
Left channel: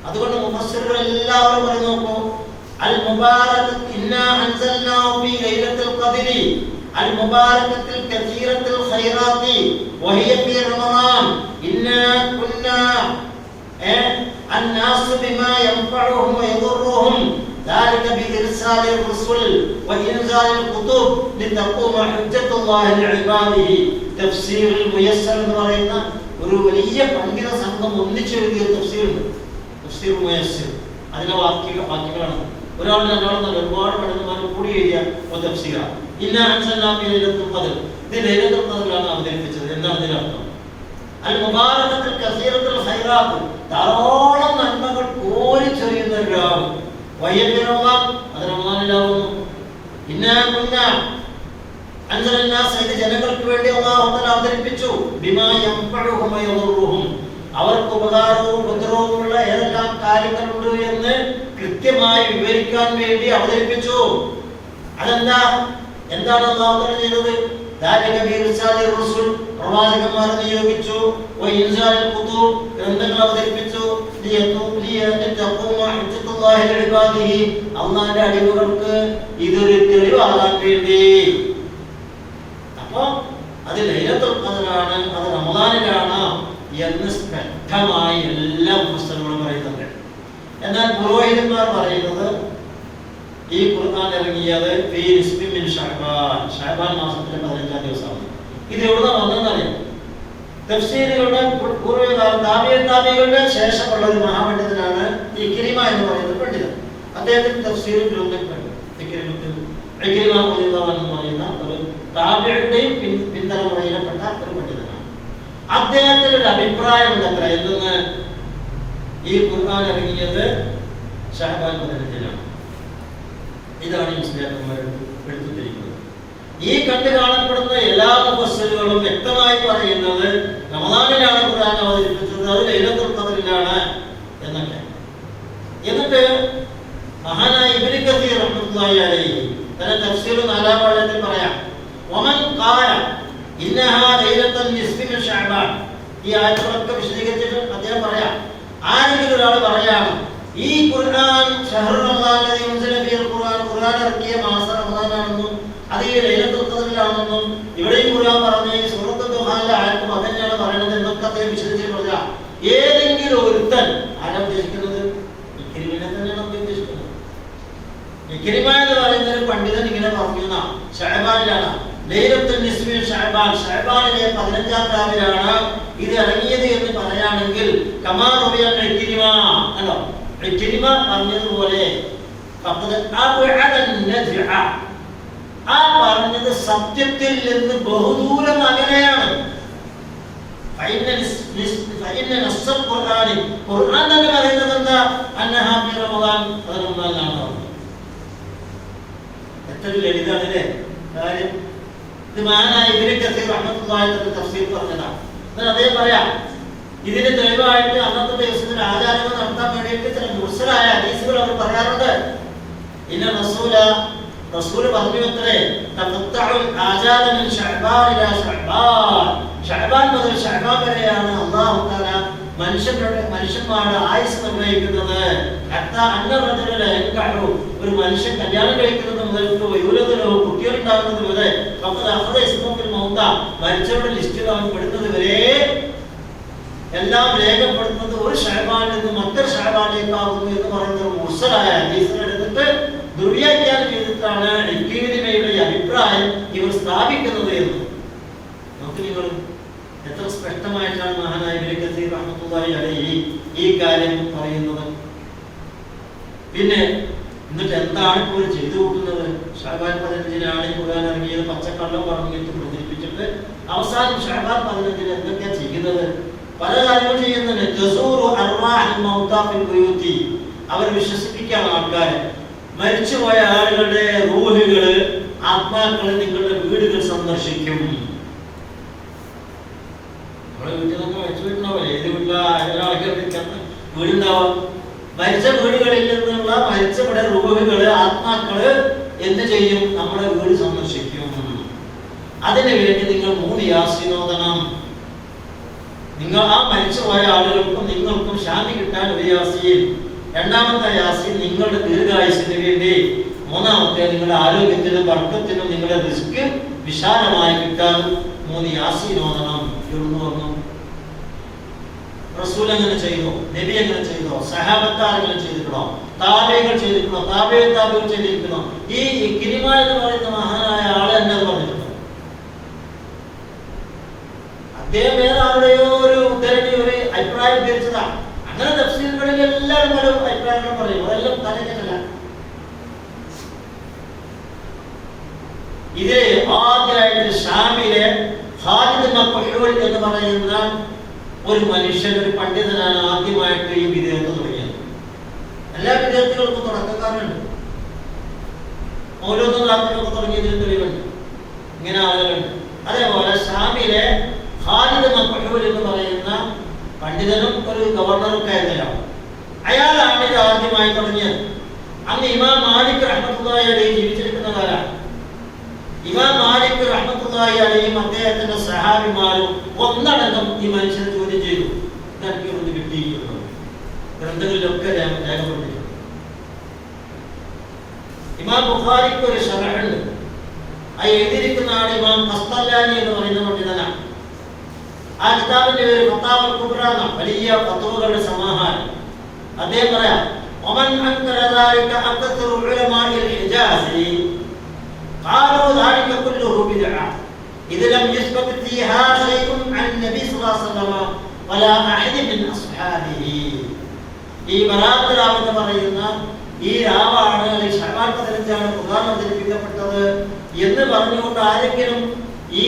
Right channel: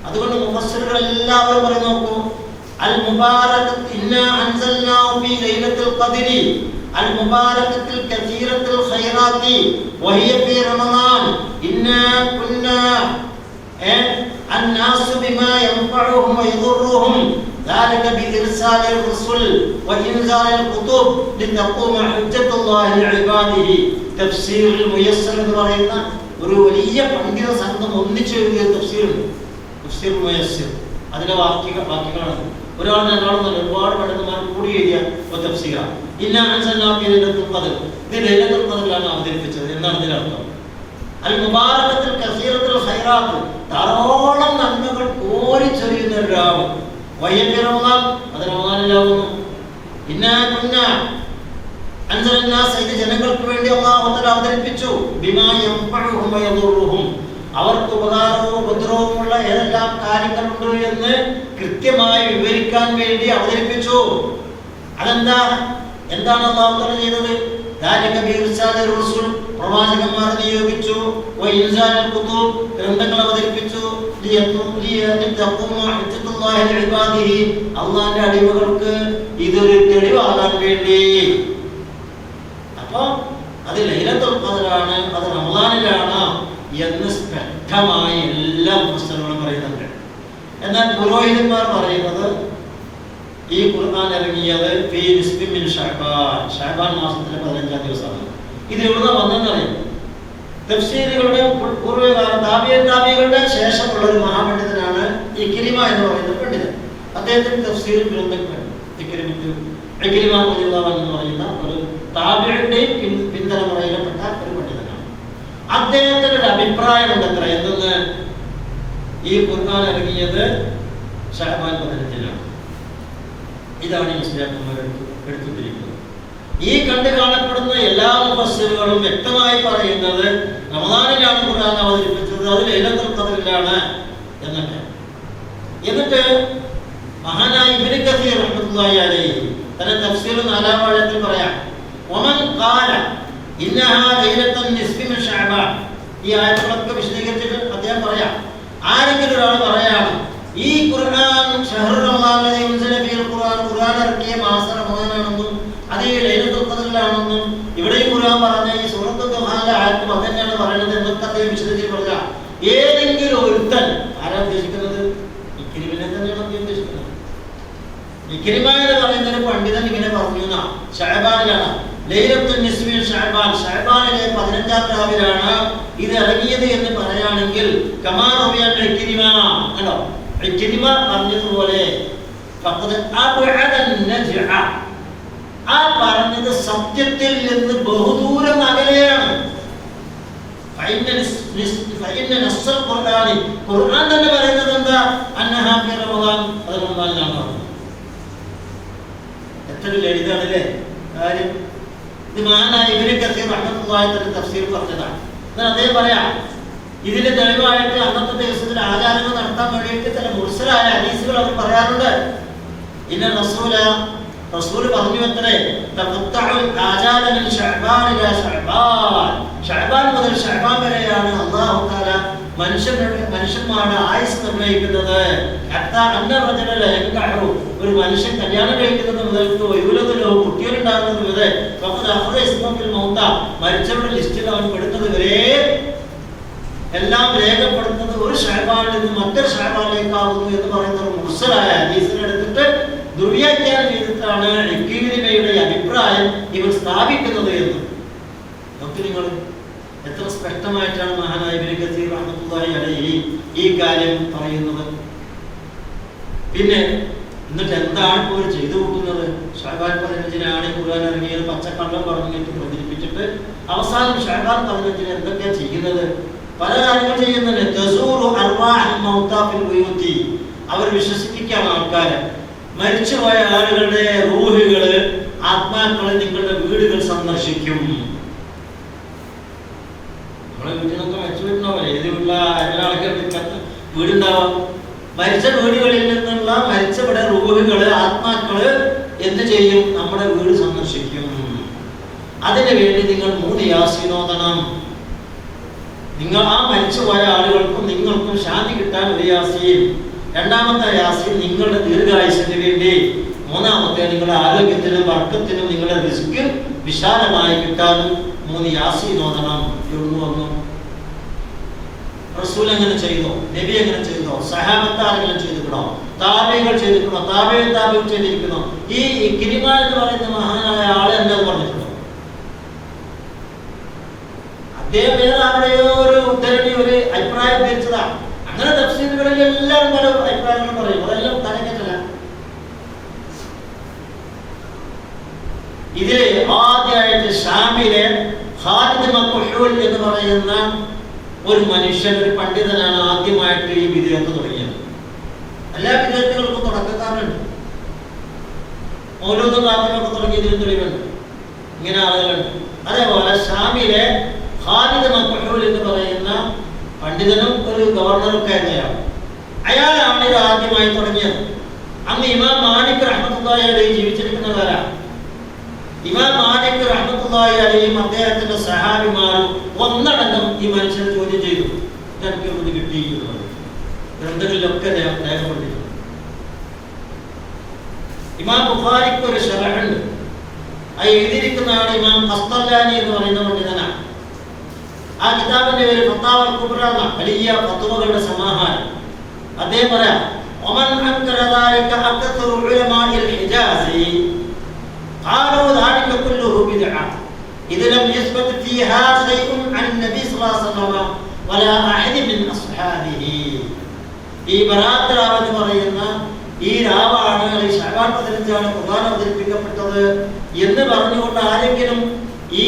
അതുകൊണ്ട് മുഫസ്സിറുകൾ എല്ലാവരും പറഞ്ഞു നോക്കൂ, അൽ മുബാറകത്ത് ഇന്നാ അൻസൽനാഹു ഫീ ലൈലത്തുൽ ഖദ്രി അൽ മുബാറകത്തിൽ കസീറത്തുൽ ഖൈറാത്തി വഹിയ ഫീ റമളാൻ ഇന്നാ കുന്നാ الناس بما ينفعهم ويضرهم ذلك بإرسال الرسل وإنزال الكتب لتقوم حجة الله لعباده. تفسير الميسر എന്ന് പറയുന്ന ഒരു വലിയ പണ്ഡിത സംഘം ഒന്നിച്ചു എഴുതിയ തഫ്സീറുണ്ട്. തഫ്സീർ മുയസ്സിർ. അതിലെ വാക്യങ്ങളാണ് ഒരാൾ രണ്ടാളെന്നല്ല ഒരുപാട് പണ്ഡിതന്മാർ കൂടി എഴുതിയ ഒരു തഫ്സീറാണ്. ഇന്നാ അൻസൽനാഹു ഫീ ലൈലത്തുൽ ഖദ്ർ. ഇത് ലൈലത്തുൽ ഖദ്റിലാണ് അവതരിപ്പിച്ചത് എന്നാണ് ഇതിന്റെ അർത്ഥം. അൽ മുബാറകത്തുൽ കസീറത്തുൽ ഖൈറാത്ത്, ധാരാളം നന്മകൾ കോരിച്ചൊരിയുന്ന ഒരു രാവ്. വയ്യപ്പിറമാൻ, അത് റമളാനിലാവുന്നു. ഇന്നാ കുന്നാ അൻസൽനാസ്, ഇത് ജനങ്ങൾക്ക് വേണ്ടി അല്ലാഹു തആല അവതരിപ്പിച്ചു. ബിമാ യൻഫഉഹും വയദുറുഹും, അവർക്ക് ഉപകാരവും ഉപദ്രവവുമുള്ള ഏതെല്ലാം കാര്യങ്ങളുണ്ട് എന്ന് കൃത്യമായി വിവരിക്കാൻ വേണ്ടി അവതരിപ്പിച്ചു. അതെന്താ, എന്താണ് അല്ലാഹു തആല ചെയ്തത്? പ്രവാചകന്മാരെ നിയോഗിച്ചു, ഗ്രന്ഥങ്ങൾ അവതരിപ്പിച്ചു, അള്ളാന്റെ അടിമകൾക്ക് ഇതൊരു തെളിവാകാൻ വേണ്ടി. അപ്പൊ അത് ലൈലത്തുൽ ഖദ്റാണ്, അത് റമളാനിലാണ് എന്ന് സ്പഷ്ടമായി എല്ലാ പുസ്തകങ്ങളും പറയുന്നുണ്ട്. എന്നാൽ പുരോഹിതന്മാർ പറയുന്നത് ഈ ഖുർആൻ ഇറങ്ങിയത് ശഅബാൻ മാസത്തിലെ 15-ാം ദിവസമാണ്. ഇത് എവിടെ വന്നെന്നറിയാം. തഫ്സീറുകളുടെ പൂർവ്വകാല താബികളുടെ ശേഷമുള്ള ഒരു മഹാപണ്ഡിതനാണ് ഇക്രിമ എന്ന് പറയുന്ന പണ്ഡിതൻ. അദ്ദേഹത്തിന് തഫ്സീർ ഗ്രന്ഥങ്ങളുണ്ട്. ഇക്രിമ എന്ന് പറയുന്ന ഒരു താബിയുടെയും പിന്തലമുറയിൽപ്പെട്ട ഒരു പണ്ഡിതനാണ്. അദ്ദേഹത്തിന് ഒരു അഭിപ്രായമുണ്ട് അത്ര എന്തെന്ന്, ഈ ഖുർആൻ ഇറങ്ങിയത് ശഅബാൻ 15-ലാണ്. ഇതാണ് മുസ്ലിംമാർ എടുത്തിരിക്കുന്നത്. ഈ കണ്ടു കാണപ്പെടുന്ന എല്ലാ മുഫസ്സിറുകളും വ്യക്തമായി പറയുന്നത് റമളാനിലാണ് ഖുർആൻ അവതരിപ്പിച്ചത്, അത് ലൈലത്തുൽ ഖദ്റിലാണ് എന്നൊക്കെ. എന്നിട്ട് മഹാനായ ഇബ്നു കസീർ റഹ്മത്തുള്ളാഹി അലൈഹി തന്റെ തഫ്സീർ 4-ാം വാള്യത്തിൽ പറയാം, വമൻ ഖാല ഇന്നഹാ ലൈലത്തുൻ നിസ്ഫി മിൻ ശഅബാൻ. ഈ ആയത്തുകളൊക്കെ വിശദീകരിച്ചിട്ട് അദ്ദേഹം പറയാം, ആരെങ്കിലും ഒരാൾ പറയാണ് ഈ ഖുർആൻ ഷഹ്റു റമളാനിൽ യുൻസില ഫീൽ ഖുർആൻ, ഖുർആൻ ഇറക്കിയ മാസം റമളാനാണെന്നും അത് ഈ ലൈലത്തുൽ ഖദ്റിലാണെന്നും ഇവിടെയും ഖുർആൻ പറഞ്ഞ ഈ സൂറത്തുൽ ദുഹാനിലെ ആയത്തും അതന്നെയാണ് പറയുന്നത് എന്നൊക്കെ അദ്ദേഹം വിശദീകരിച്ച് പറഞ്ഞ ഏതെങ്കിലും ഒരുത്തൻ ആരാ ഉദ്ദേശിക്കുന്നത്? ഇക്രിമിനെ തന്നെയാണ് ഉദ്ദേശിക്കുന്നത്. ഇക്രിമ എന്ന് പറയുന്ന ഒരു പണ്ഡിതൻ ഇങ്ങനെ പറഞ്ഞു, ശഅബാനിലാണ് ലൈലത്തുൽ നിസ്ഫി ശഅബാൻ, ശഅബാനിലെ 15-ാം രാവിലാണ് ഇത് ഇറങ്ങിയത് എന്ന് പറയുകയാണെങ്കിൽ കമാ റബിയ ഇക്രിമ, കണ്ടോ ഇക്രിമ പറഞ്ഞതുപോലെ ആ പറഞ്ഞത് സത്യത്തിൽ നിന്ന് ബഹുദൂരം അകലെയാണ്. ഖുർആൻ തന്നെ പറയുന്നത് എന്താ? അന്നഹാ ഫീ റമളാൻ, അത് റമളാനിലാണ് പറഞ്ഞത്. എത്ര ലളിതമാണല്ലേ കാര്യം. ഇത് മഹാനായ ഇബ്നു കസീർ റഹ്മത്തുള്ളാഹി അലൈഹി തഫ്സീർ പറഞ്ഞതാണ്. എന്നാൽ അദ്ദേഹം പറയാം, ഇതിന് തെളിവായിട്ട് അന്നത്തെ ദിവസത്തിൽ ആചാരങ്ങൾ നടത്താൻ വേണ്ടിയിട്ട് ചില മുർസലായ ഹദീസുകൾ അവർ പറയാറുണ്ട്. ഇന്ന റസൂൽ പറഞ്ഞു അത്രേ, ശഅബാൻ മുതൽ ശഅബാൻ വരെയാണ് അല്ലാഹു തആല മനുഷ്യന്മാരുടെ ആയുസ് നിർണ്ണയിക്കുന്നത്. ഒരു മനുഷ്യൻ കല്യാണം കഴിക്കുന്നത് മുതൽക്ക് കുട്ടികളുണ്ടാകുന്നത് വരെ മരിച്ചവരുടെ ലിസ്റ്റിൽ അവൻ പെടുന്നത് വരെ എല്ലാം രേഖപ്പെടുത്തുന്നത് ഒരു ശഅബാനിൽ നിന്ന് മറ്റൊരു ശഅബാനിലേക്കാവുന്നു എന്ന് പറയുന്ന ഒരു മുർസലായ ഹദീസിനെടുത്തിട്ട് ദുർവ്യാഖ്യാനം ചെയ്തിട്ടാണ് ഇക്രിമയുടെ അഭിപ്രായം ഇവർ സ്ഥാപിക്കുന്നത് എന്ന്. നോക്കി നിങ്ങൾ എത്ര സ്പഷ്ടമായിട്ടാണ് മഹാനായ ഇബ്നു കസീർ റഹ്മത്തുള്ളാഹി അലൈഹി ഈ കാര്യം പറയുന്നത്. പിന്നെ എന്നിട്ട് എന്താണ് ഇപ്പോൾ ചെയ്തു നോക്കുന്നത്? ശഅബാൻ 15-നാണ് ഖുർആൻ ഇറങ്ങിയത്, പച്ചക്കള്ളം പറഞ്ഞിട്ട് പ്രചരിപ്പിച്ചിട്ട് അവസാനം ശഅബാൻ 15-ന് എന്തൊക്കെയാണ് ചെയ്യുന്നത്? പല കാര്യങ്ങൾ ചെയ്യുന്നുണ്ട്. അവർ വിശ്വസിപ്പിക്കാൻ ആൾക്കാരെ, മരിച്ചുപോയ ആളുകളുടെ റൂഹുകള്, ആത്മാക്കളെ നിങ്ങളുടെ വീടുകൾ സന്ദർശിക്കും. നമ്മളെ വീട്ടിൽ നിന്നൊക്കെ മരിച്ചു വീട്ടുണ്ടാവില്ല, ഏത് വീട്ടിലാ ആൾക്കാർ വീടുണ്ടാവാം. മരിച്ച വീടുകളിൽ നിന്നുള്ള മരിച്ചവിടെ റൂഹുകള്, ആത്മാക്കള് എന്ത് ചെയ്യും? നമ്മുടെ വീട് സന്ദർശിക്കും. അതിനു വേണ്ടി നിങ്ങൾ 3 യാസീൻ ഓതണം. നിങ്ങൾ ആ മരിച്ചുപോയ ആളുകൾക്കും നിങ്ങൾക്കും ശാന്തി കിട്ടാൻ ഒരു യാസീൻ, രണ്ടാമത്തെ യാസീൻ നിങ്ങളുടെ ദീർഘായുസിന് വേണ്ടി, മൂന്നാമത്തെ നിങ്ങളുടെ ആരോഗ്യത്തിനും ബർക്കത്തിനും നിങ്ങളുടെ റിസ്ക് വിശാലമായി കിട്ടാൻ 3 യാസീൻ ഓതണം. എവിടുന്ന് വന്നു? റസൂൽ അങ്ങനെ ചെയ്തോ? നബി അങ്ങനെ ചെയ്തോ? സഹാബത്താരെങ്കിലും ചെയ്തിട്ടുണ്ടോ? താബിഈകൾ ചെയ്തിട്ടുണ്ടോ? താബിഈകൾ ചെയ്തിരിക്കണോ? ഈ ഇക്രിമ എന്ന് പറയുന്ന മഹാനായ ആളെ എന്നത് പറഞ്ഞിട്ടുണ്ടോ? അദ്ദേഹം ഏതാരുടെയോ ഒരു ഉദ്ധരണി, ഒരു അഭിപ്രായം ധരിച്ചതാണ്. അങ്ങനെ തഫ്സീറുകളിൽ എല്ലാവരും പല അഭിപ്രായങ്ങളും പറയും, അതെല്ലാം തലക്കെട്ടല്ല. ഇതില് ആദ്യമായിട്ട് ഷാമിലെ ഖാലിദ് മഖ്ഹൂൽ എന്ന് പറയുന്ന ഒരു മനുഷ്യൻ, ഒരു പണ്ഡിതനാണ് ആദ്യമായിട്ട് ഈ വിദേഹത്ത് തുടങ്ങിയത്. എല്ലാ വിദേഹത്തുകൾക്കും തുടക്കക്കാരുണ്ട്. ഓരോന്നും പ്രാർത്ഥനയൊക്കെ തുടങ്ങിയതിന് തെളിവുണ്ട്. ഇങ്ങനെ ആളുകളുണ്ട്. അതേപോലെ ഷാമിലെ ഖാലിദ് മഖ്ഹൂൽ എന്ന് പറയുന്ന പണ്ഡിതനും ഒരു ഗവർണറൊക്കെ ആയിരുന്നയാൾ, അയാളാണ് ഇത് ആദ്യമായി തുടങ്ങിയത്. അന്ന് ഇമാം മാലിക് റഹ്മത്തുള്ളാഹി അലൈഹി ജീവിച്ചിരിക്കുന്ന കാലമാണ്. ഇമാം മാലിക് റഹ്മത്തുള്ളാഹി അലൈഹിയും അദ്ദേഹത്തിന്റെ സഹാബിമാരും ഒന്നടങ്കം ഈ മനുഷ്യനെ ചോദ്യം ചെയ്തു. ഇതൊക്കെ ഒന്ന് കിട്ടിയിരിക്കുന്നത് ഗ്രന്ഥങ്ങളിലൊക്കെ രേഖപ്പെടുത്തിയിട്ടുണ്ട്. ഇമാം ബുഖാരിക്ക് ഒരു ശറഹുണ്ട്. ആ എഴുതിയിരിക്കുന്ന ആൾ ഇമാം ഖസ്തലാനി എന്ന് പറയുന്ന പണ്ഡിതനാണ്. ആ കിതാബിന്റെ പേര് ഫത്താവൽ കുബ്ര എന്ന വലിയ ഫത്വകളുടെ സമാഹാരം. അദ്ദേഹം പറയാം, ഒമൻ അൻകറ ദാലിക അക്തറു ഉലമാഇൽ ഹിജാസി ഖാലു ദാലിക കുല്ലുഹു ബിദ്അ ഇദ ലം യസ്ബത് ഫീഹാ ശൈഉൻ അൻ നബി സ്വല്ലല്ലാഹു അലൈഹി വസല്ലം വലാ അഹദി മിൻ അസ്ഹാബിഹി. ഈ ബറാത്ത് രാവ് എന്ന് പറയുന്ന ഈ രാവാണ്, ഈ ശഅബാൻ 15 ഖുർആൻ അവതരിപ്പിക്കപ്പെട്ടത് എന്ന് പറഞ്ഞുകൊണ്ട് ആരെങ്കിലും ഈ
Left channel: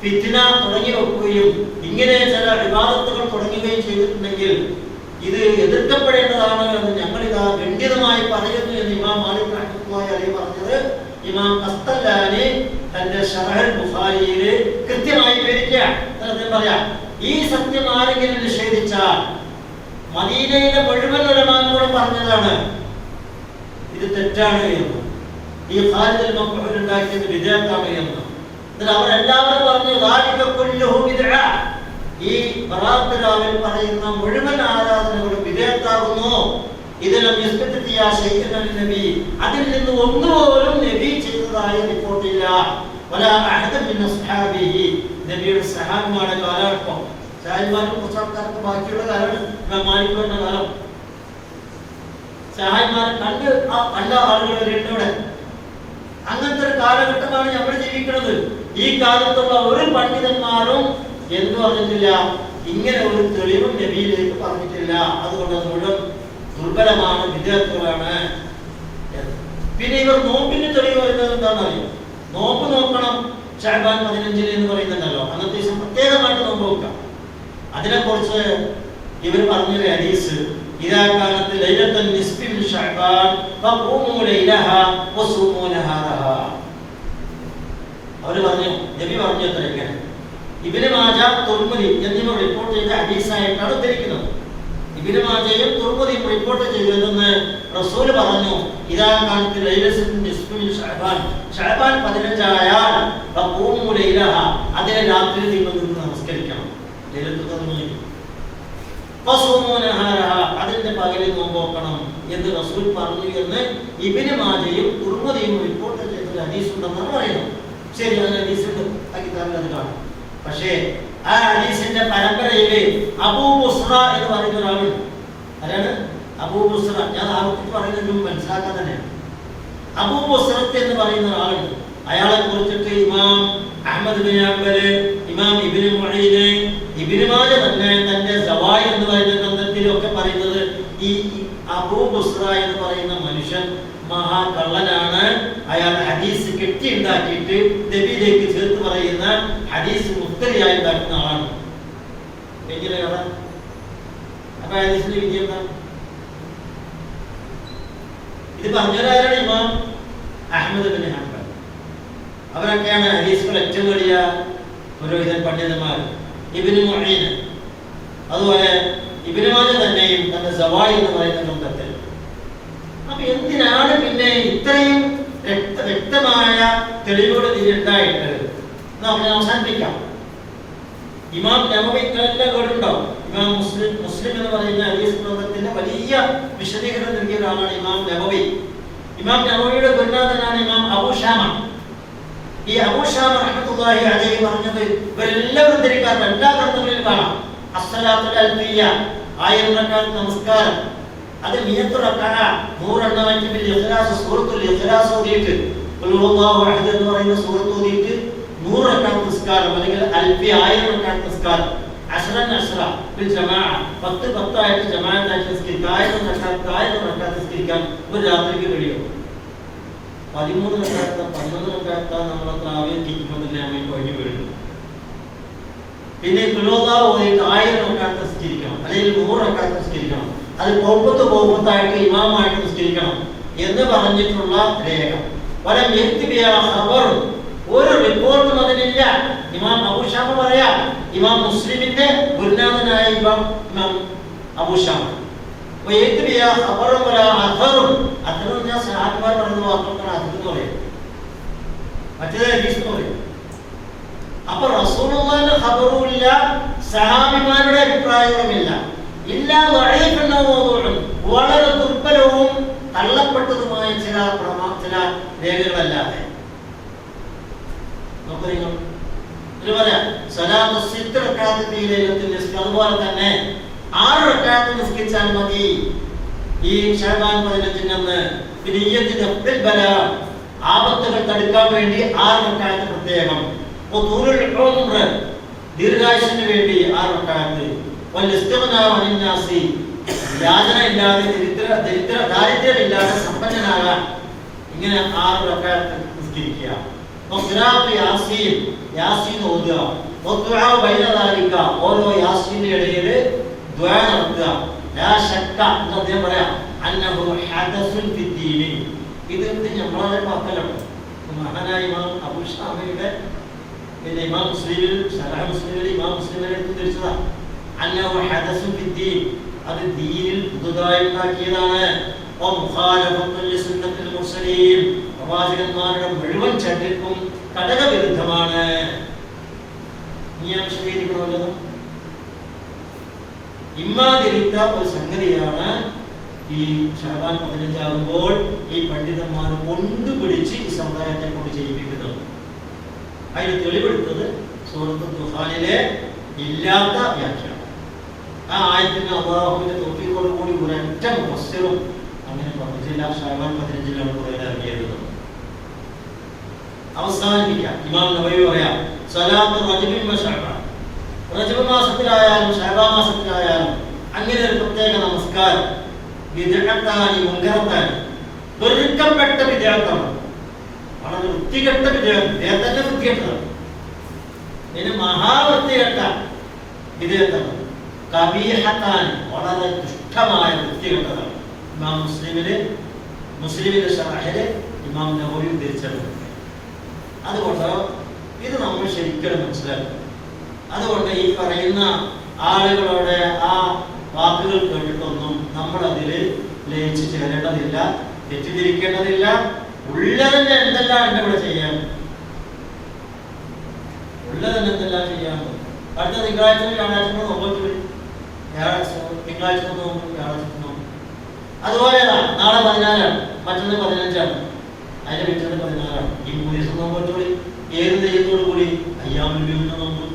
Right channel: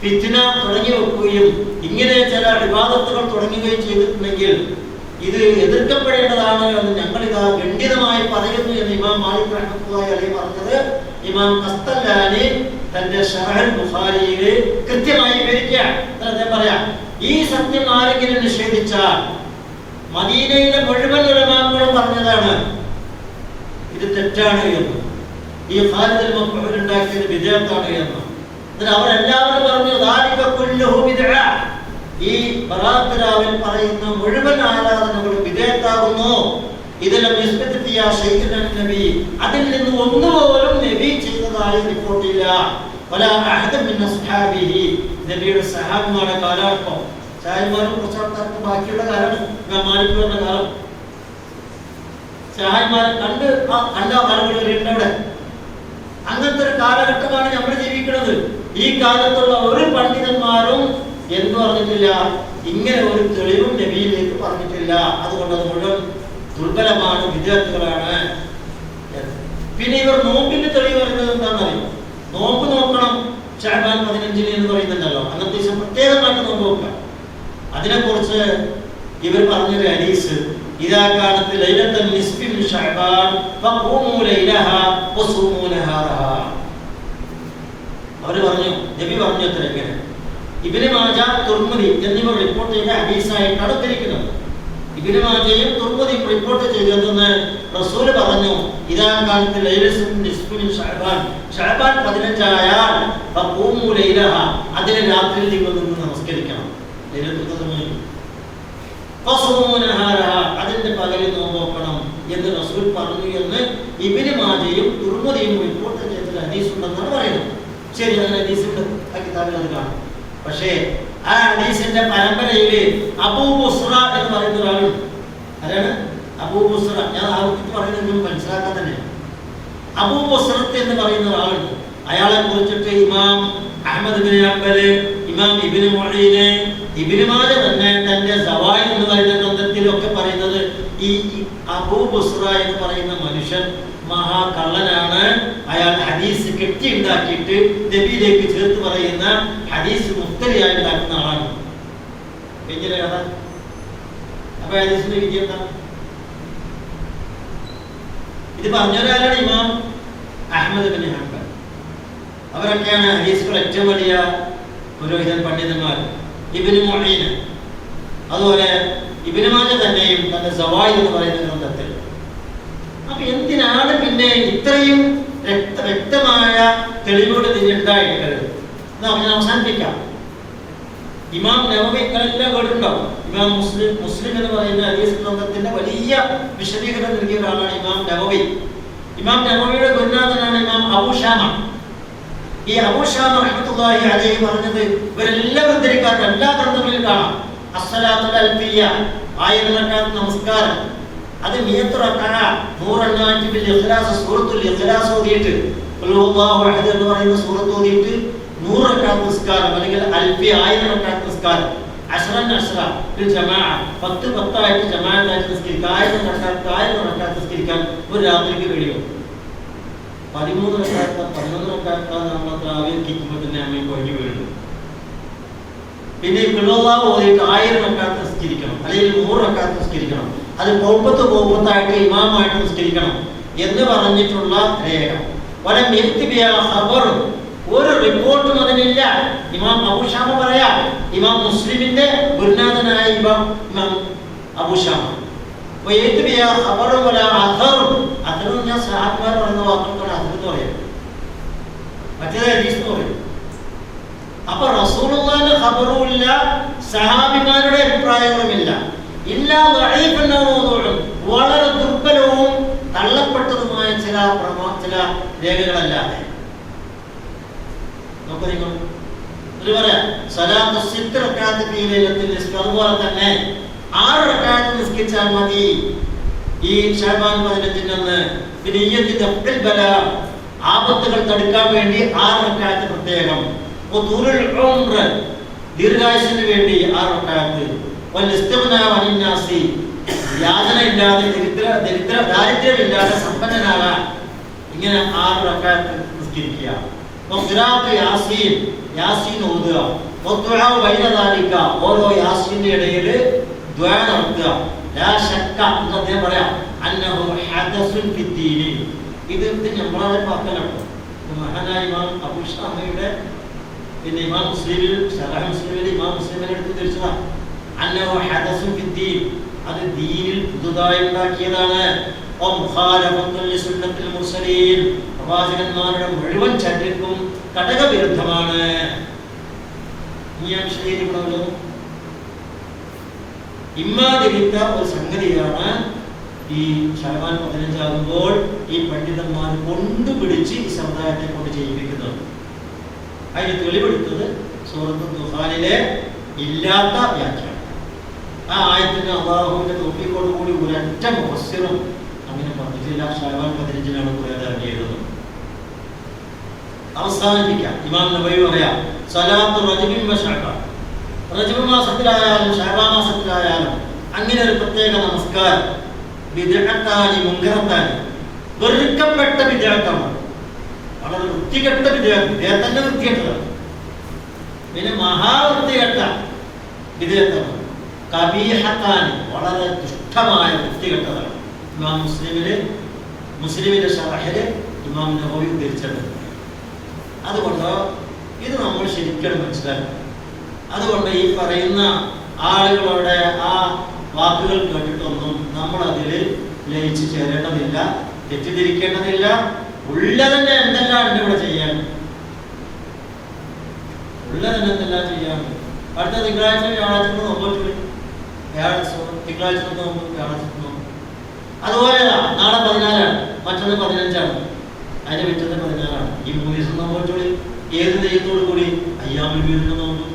ഫിത്ന തുടങ്ങി വെക്കുകയും ഇങ്ങനെ ചില ഇബാദത്തുകൾ തുടങ്ങുകയും ചെയ്തിട്ടുണ്ടെങ്കിൽ ഇത് എതിർക്കപ്പെടേണ്ടതാണ് എന്ന് ഞങ്ങളിതാ ഖണ്ഡിതമായി പറയുന്നു എന്ന് ഇമാം മാലിക് റഹ്മത്തുള്ളാഹി അലൈഹി പറഞ്ഞത് ഇമാം ഖസ്തലാനി തന്റെ ശറഹുൽ ബുഖാരിയിൽ കൃത്യമായി വിവരിക്കുകയാണ്. അദ്ദേഹം പറയാം, ഈ സത്യം ആരെങ്കിലും നിഷേധിച്ചാൽ, മദീനയിലെ മുഴുവൻ ഉലമാക്കളും പറഞ്ഞതാണ് ഇത് തെറ്റാണ് എന്ന്, ഈ ഖാലിദ് മഖ്ഹൂൽ ഉണ്ടാക്കിയത് ബിദ്അത്താണ് എന്ന്. അവരെല്ലാവരും പറഞ്ഞു ദാലിക കുല്ലുഹു ബിദ്അ, ഈ ബറാത്ത് രാവിൽ പറയുന്ന മുഴുവൻ ആരാധനകളും ബിദ്അത്താകുന്നു. ഇതിലും യസ്ബിത്തിയ ശൈഅൻ നബി, അതിൽ നിന്ന് ഒന്നുപോലും നബി ചെയ്തതായി റിപ്പോർട്ടില്ല. വലാ അഹദ മിൻ അസ്ഹാബിഹി, നബിയുടെ സഹാബിമാരുടെ കാലഘട്ടം, സഹാബിമാരും കുറച്ച് ആൾക്കാർക്ക് ബാക്കിയുള്ള കാലമാണ് ഇമാം മാലിക് പറഞ്ഞ കാലം. സഹാബിമാരെ കണ്ട് അല്ല ആളുകൾ വരേണ്ടവിടെ. അങ്ങനത്തെ ഒരു കാലഘട്ടമാണ് നമ്മൾ ജീവിക്കുന്നത്. ഈ കാലത്തുള്ള ഒരു പണ്ഡിതന്മാരും എന്തു പറഞ്ഞിട്ടില്ല, ഇങ്ങനെ ഒരു തെളിവും നബിയിലേക്ക് പറഞ്ഞിട്ടില്ല. അതുകൊണ്ട് അത് മുഴുവൻ ദുർബലമാണ്, വിദ്യാർത്ഥികളാണ്. പിന്നെ ഇവർ നോമ്പിന്റെ തെളിവ് പറയുന്നത് എന്താണെന്നറിയോ? നോമ്പ് നോക്കണം ശഅബാൻ 15 എന്ന് പറയുന്നുണ്ടല്ലോ, അന്നത്തെ ദിവസം പ്രത്യേകമായിട്ട് നോമ്പ് നോക്കാം. അതിനെക്കുറിച്ച് ഇവർ പറഞ്ഞൊരു ഹദീസ്, ഇദാ കാനത്ത് ലൈലത്തുൽ നിസ്ഫി മിൻ ശഅബാൻ ഫഖൂമു ലൈലഹാ വസൂമു നഹാറഹാ. അവർ പറഞ്ഞു, നബി പറഞ്ഞു അത്രയ്ക്ക്. ഇബ്നു മാജ, തുർമുദി എന്നിവ റിപ്പോർട്ട് ചെയ്ത ഹദീസായിട്ടാണ് ഉദ്ധരിക്കുന്നത്. ഇബ്നു മാജയും തുർമുദിയും റിപ്പോർട്ട് ചെയ്തതെന്ന് റസൂൽ പറഞ്ഞു, ഇദാ കാനത്ത് ലൈലത്തുൽ നിസ്ഫി മിൻ ശഅബാൻ, ശഅബാൻ 15 ആയാൽ ഫഖൂമു ലൈലഹാ, അതിനെ രാത്രി നിങ്ങൾ നിന്ന് നമസ്കരിക്കണം. ലൈലത്തുൽ ഖദ്റിൽ ഫസൂമു നഹാറഹാ, അതിന്റെ പകലിൽ നോമ്പ് നോക്കണം എന്ന് റസൂൽ പറഞ്ഞു എന്ന് ഇബ്നു മാജയും തുർമുദിയും റിപ്പോർട്ട് ചെയ്ത ഹദീസ് ഉണ്ടെന്നാണ് പറയുന്നത്. ശരി, ആ ഹദീസിന്റെ ആ കിതാബിൽ അത് കാണും. പക്ഷേ ആ ഹദീസിന്റെ പരമ്പരയില് അബൂ ബുസ്റ എന്ന് പറയുന്ന ഒരാളുണ്ട്. ആരാണ് അബൂ ബുസ്റ? ഞാൻ ആവർത്തിച്ച് പറയുന്നത് മനസ്സിലാക്കാൻ തന്നെ. അബൂ ബുസ്റത്ത് എന്ന് പറയുന്ന ഒരാളുണ്ട്. അയാളെ കുറിച്ചിട്ട് ഇമാം അഹ്മദ് ബിൻ ഹംബൽ, ഇമാം ഇബ്നു മുഈൻ, ഇബ്നു മാജ തന്നെ തന്റെ സവായിദ് എന്ന് പറയുന്ന ഗ്രന്ഥത്തിലൊക്കെ പറയുന്നത് ഈ അബൂ ബുസ്റ എന്ന് പറയുന്ന മനുഷ്യൻ മഹാകള്ളനാണ്. അയാൾ ഹദീസ് കെട്ടിയുണ്ടാക്കിയിട്ട് നബിയിലേക്ക് ചേർത്ത് പറയുന്ന ഹദീസ് മുഖ്തരിയായി ഉണ്ടാക്കുന്ന ആളാണ്. വെഞ്ചിന്റെ കഥ. അപ്പൊ ഹദീസിന്റെ വിധി എന്താണ്? ഇത് പറഞ്ഞവരാരാണ്? ഇമാം അഹ്മദ് ബിൻ ഹംബൽ. അവരൊക്കെയാണ് ഹദീസുകൾ ഏറ്റവും വലിയ പുരോഹിതൻ പണ്ഡിതന്മാർ. ഇബ്നു മുഈൻ, അതുപോലെ ഇബ്നു മാജ തന്നെയും തന്റെ സവായിദ് എന്ന് പറയുന്ന ഗ്രന്ഥത്തിൽ. അപ്പൊ എന്തിനാണ് പിന്നെ ഇത്രയും വ്യക്തമായ തെളിവുകൾ ഇതിലുണ്ടായിട്ട് നമുക്ക് അവസാനിപ്പിക്കാം. ഇമാം നവവി ഇത്രയെല്ലാം കേട്ടിട്ടുണ്ടാവും. ഇമാം മുസ്ലിം എന്ന് പറയുന്ന ഹദീസ് ഗ്രന്ഥത്തിന്റെ വലിയ വിശദീകരണം നൽകിയ ഒരാളാണ് ഇമാം നവവി. ഇമാം നവവിയുടെ ഗുരുനാഥനാണ് ഇമാം അബൂ ഷാമ. ഈ അബൂ ഷാമ റഹ്മത്തുള്ളാഹി അലൈഹി പറഞ്ഞത് ഇവരെല്ലാം ഉദ്ധരിക്കാത്ത എല്ലാ ഗ്രന്ഥങ്ങളിലും കാണാം. അസ്സലാത്തുൽ അൽഫിയ, 1000 റക്അത്ത് നമസ്കാരം, അത് 100 റക്അത്ത് 100 ബിൽ ഇഖ്ലാസ്, സൂറത്തുൽ ഇഖ്ലാസ് ഓതിയിട്ട് ഖുൽ ഹുവല്ലാഹു അഹദ് എന്ന് പറയുന്ന സൂറത്ത് ഓതിയിട്ട് 100 റക്അത്ത് നിസ്കാരം, അല്ലെങ്കിൽ അൽഫി 1000 റക്അത്ത് നിസ്കാരം, അശ്റൻ അശ്റ ഒരു ജമാഅ 10 ആയിട്ട് ജമാഅത്തായിട്ട് നിസ്കരിക്കാൻ 1000 റക്അത്ത് നിസ്കരിക്കാൻ ഒരു രാത്രിക്ക് കഴിയും. 13 റക്അത്ത് 11 റക്അത്ത് നമ്മൾ തറാവീഹ് കിക്കുമ്പോൾ തന്നെ നമ്മൾ കഴിഞ്ഞു വീഴും. പിന്നെ ഖുൽഹുവല്ലാഹു ഓതിയിട്ട് 1000 റക്അത്ത് നിസ്കരിക്കണം, അല്ലെങ്കിൽ 100 റക്അത്ത് നിസ്കരിക്കണം. അത് പോകുമ്പത്തായിട്ട് ഇമാമായിട്ട് നിസ്കരിക്കണം എന്ന് പറഞ്ഞിട്ടുള്ള രേഖ. വലം യക്തിബിയ ഖബർ, ഒരു റിപ്പോർട്ടും അതിനില്ല. ഇമാം അബൂ ഷാമ പറയാ, ഇമാം മുസ്ലിമിന്റെ ഗുരുനാഥനായ ഇമാം അബൂ ഷാമ. വയക്തിബിയ ഖബർ വല അഥർ, അഥർ ഞാൻ സഹാബിമാർ പറയുന്ന വാക്കുകളാണ് അഥർ എന്ന് പറയും, മറ്റേത് ഹദീസ് എന്ന് പറയും. അപ്പൊ റസൂലുള്ളാഹിന്റെ ഖബറും ഇല്ല, സഹാബിമാരുടെ അഭിപ്രായങ്ങളുമില്ല. ഇല്ലാ ദഈഫൻ മൗദൂഉൻ, വളരെ ദുർബലവും തള്ളപ്പെട്ടതുമായ ചില രേഖകളല്ലാതെ. നോക്കൂ നിങ്ങൾ, ഇത് പറയാം സലാത്ത് 6 റക്അത്ത് ഫീ ലൈലത്തുൽ നിസ്ഫ്, അതുപോലെ തന്നെ 6 റക്അത്ത് നിസ്കരിച്ചാൽ മതി ഈ ശഅബാൻ 15-ന്. ബിനിയ്യത്തി ദഫ്ഇൽ ബലാ, ആപത്തുകൾ തടുക്കാൻ വേണ്ടി 6 റക്അത്ത് പ്രത്യേകം. വതൂലുൽ ഉംറ, ദീർഘായുസ്സിന് വേണ്ടി 6 റക്അത്ത്. വൽ ഇസ്തിഗ്നാ അനിൻ നാസി, യാതന ഇല്ലാതെ ദാരിദ്ര്യമില്ലാതെ സമ്പന്നനാകാൻ ഇങ്ങനെ 6 റക്അത്ത് നിസ്കരിക്കുക. വഖിറാഅത്ത് യാസീൻ, യാസീൻ ഓതുക. വദുആ ബൈന ദാലിക, ഓരോ യാസീന്റെ ഇടയിൽ ദുആ നടത്തുക. ലാ ശക്ക എന്ന് അദ്ദേഹം പറയാം, അന്നഹു ഹദസുൻ ഫിദ്ദീനി. ഇത് നമ്മളെ വാക്കല്ലോ. മഹാനായ ഇമാം അബൂ ഷാമയുടെ പിന്നെ ഇമാം മുസ്ലിമിൽ ശറഹ് മുസ്ലിമിൽ ഇമാം മുസ്ലിമിനെ എടുത്ത് ധരിച്ചതാ. അന്നഹു ഹദസുൻ ഫിദ്ദീൻ, അത് ദീനിൽ പുതുതായി ഉണ്ടാക്കിയതാണ്. വമുഖാലഫത്തുൽ ലിസുന്നത്തിൽ മുർസലീൻ, പ്രവാചകന്മാരുടെ മുഴുവൻ ചര്യക്കും കടകവിരുദ്ധമാണ്. ഞാൻ വിശദീകരിക്കണമല്ലോ. ഇമ്മാതിരിത്ത ഒരു സംഗതിയാണ് ഈ ശഅബാൻ 15 ആകുമ്പോൾ ഈ പണ്ഡിതന്മാർ കൊണ്ടുപിടിച്ച് ഈ സമുദായത്തെ കൊണ്ട് ചെയ്യിപ്പിക്കുന്നത്. അതിന് തെളിവെടുത്തത് സൂറത്തുൽ ദുഖാനിലെ ഇല്ലാത്ത വ്യാഖ്യാനം. ആ ആയത്തിന് അല്ലാഹുവിന്റെ തൗഫീഖോട് കൂടി ഒരൊറ്റ മുഫസ്സിറും അങ്ങനെ പറഞ്ഞിട്ടില്ല. ശഅബാൻ 15-നാണ് ഇറങ്ങിയത്. അവസാനിപ്പിക്കാം. ഇമാം നബവി പറയാം, സലാത്തു റജബിൻ വ ശഅബാൻ, റജബ് മാസത്തിലായാലും ശഅബാൻ മാസത്തിലായാലും അങ്ങനെ ഒരു പ്രത്യേക നമസ്കാരം ബിദ്അത്താനി മുൻകറത്താനി, വെറുക്കപ്പെട്ട ബിദ്അത്താണ്, വളരെ വൃത്തികെട്ട ബിദ്അത്ത് തന്നെ വൃത്തികെട്ടതാണ്. പിന്നെ മഹാവൃത്തികെട്ട ബിദ്അത്താണ് കബീഹത്താനി, വളരെ ദുഷ്ടമായ വൃത്തികെട്ടതാണ്. ഇമാം മുസ്ലിമിന്റെ ശറഹിൽ ഇമാം നബവി ഉദ്ധരിച്ചത്. അതുകൊണ്ട് ഇത് നമ്മൾ ശരിക്കും മനസ്സിലാക്കണം. അതുകൊണ്ട് ഈ പറയുന്ന ആളുകളുടെ ആ വാക്കുകൾ കേട്ടിട്ടൊന്നും നമ്മൾ അതിൽ ലയിച്ചു ചേരേണ്ടതില്ല, തെറ്റിദ്ധരിക്കേണ്ടതില്ല. ഉള്ളതിന്റെ എന്തെല്ലാം ഉണ്ട് ഇവിടെ ചെയ്യാൻ, ഉള്ളതിന് എന്തെല്ലാം ചെയ്യാൻ. അടുത്ത തിങ്കളാഴ്ച വ്യാഴാഴ്ച നോക്കി, തിങ്കളാഴ്ച നോക്കും, വ്യാഴാഴ്ച നോക്കും. അതുപോലെ നാളെ 14-ആണ്, മറ്റൊന്ന് 15-ആണ്, അതിന്റെ പിറ്റത്തെ 14-ആണ്. ഈ 3 ദിവസം നോക്കി ഏത് നെയ്യത്തോടു കൂടി അയ്യാമുൽ ബീദിന്റെ നോക്കും.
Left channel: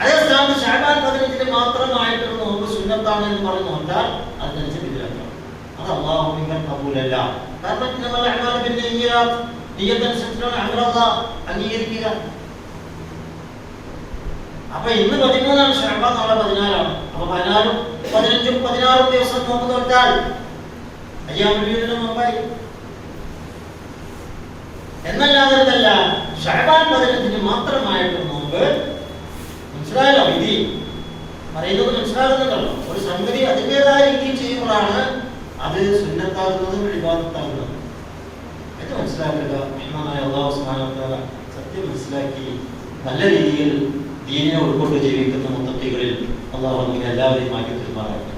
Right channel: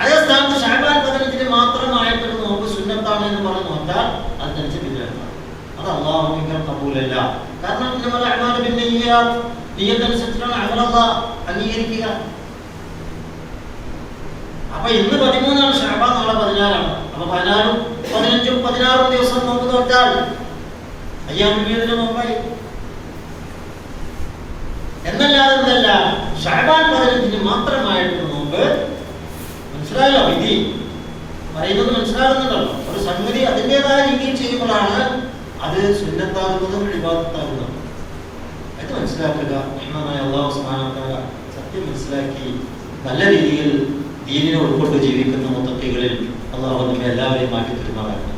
അതേ സ്ഥാനത്ത് ശഅബാൻ 15-ന് മാത്രമായിട്ടൊരു നോമ്പ് സുന്നത്താണ് എന്ന് പറഞ്ഞു നോക്കാൻ അതിനനുസരിച്ച് ബിദ്അത്താണ്. അത് അല്ലാഹുവിന്റെ ഖബൂലല്ല. കാരണം ഇന്നമൽ അഅ്മാലു ബിന്നിയ്യാത്ത്, നിയ്യത്തനുസരിച്ചാണ് അമലല്ലാഹ് അംഗീകരിക്കുക. അപ്പൊ ഇന്ന് 13-ആണ് ശഅബാൻ, നാളെ 14-ആണ്. അപ്പൊ 14-ഉം 15-ഉം 16-ഉം ദിവസം നോമ്പ് നോറ്റാൽ അയ്യാമുൽ ബീദിന്റെ നോമ്പായി. എന്നല്ലാതെ എന്തല്ല, ശഅബാൻ 15-ന് മാത്രമായിട്ട് നോമ്പ് മനസ്സിലായല്ലോ? വിധി പറയുന്നത് മനസ്സിലാകുന്നുണ്ടല്ലോ. ഒരു സംഗതി അതിൻ്റെതായ രീതിയിൽ ചെയ്യുമ്പോഴാണ് അത് സുന്നത്താകുന്നതും ഇബാദത്താകുന്നതും. അത് മനസ്സിലാക്കുക. അല്ലാഹു സുബ്ഹാനഹു വ തആല സത്യം മനസ്സിലാക്കി നല്ല രീതിയിൽ ദീനിനെ ഉൾക്കൊണ്ട് ജീവിക്കുന്ന മുത്തഖികളിൽ അല്ലാഹു നമ്മെ എല്ലാവരെയും മാറ്റി തരുമാറാകട്ടെ.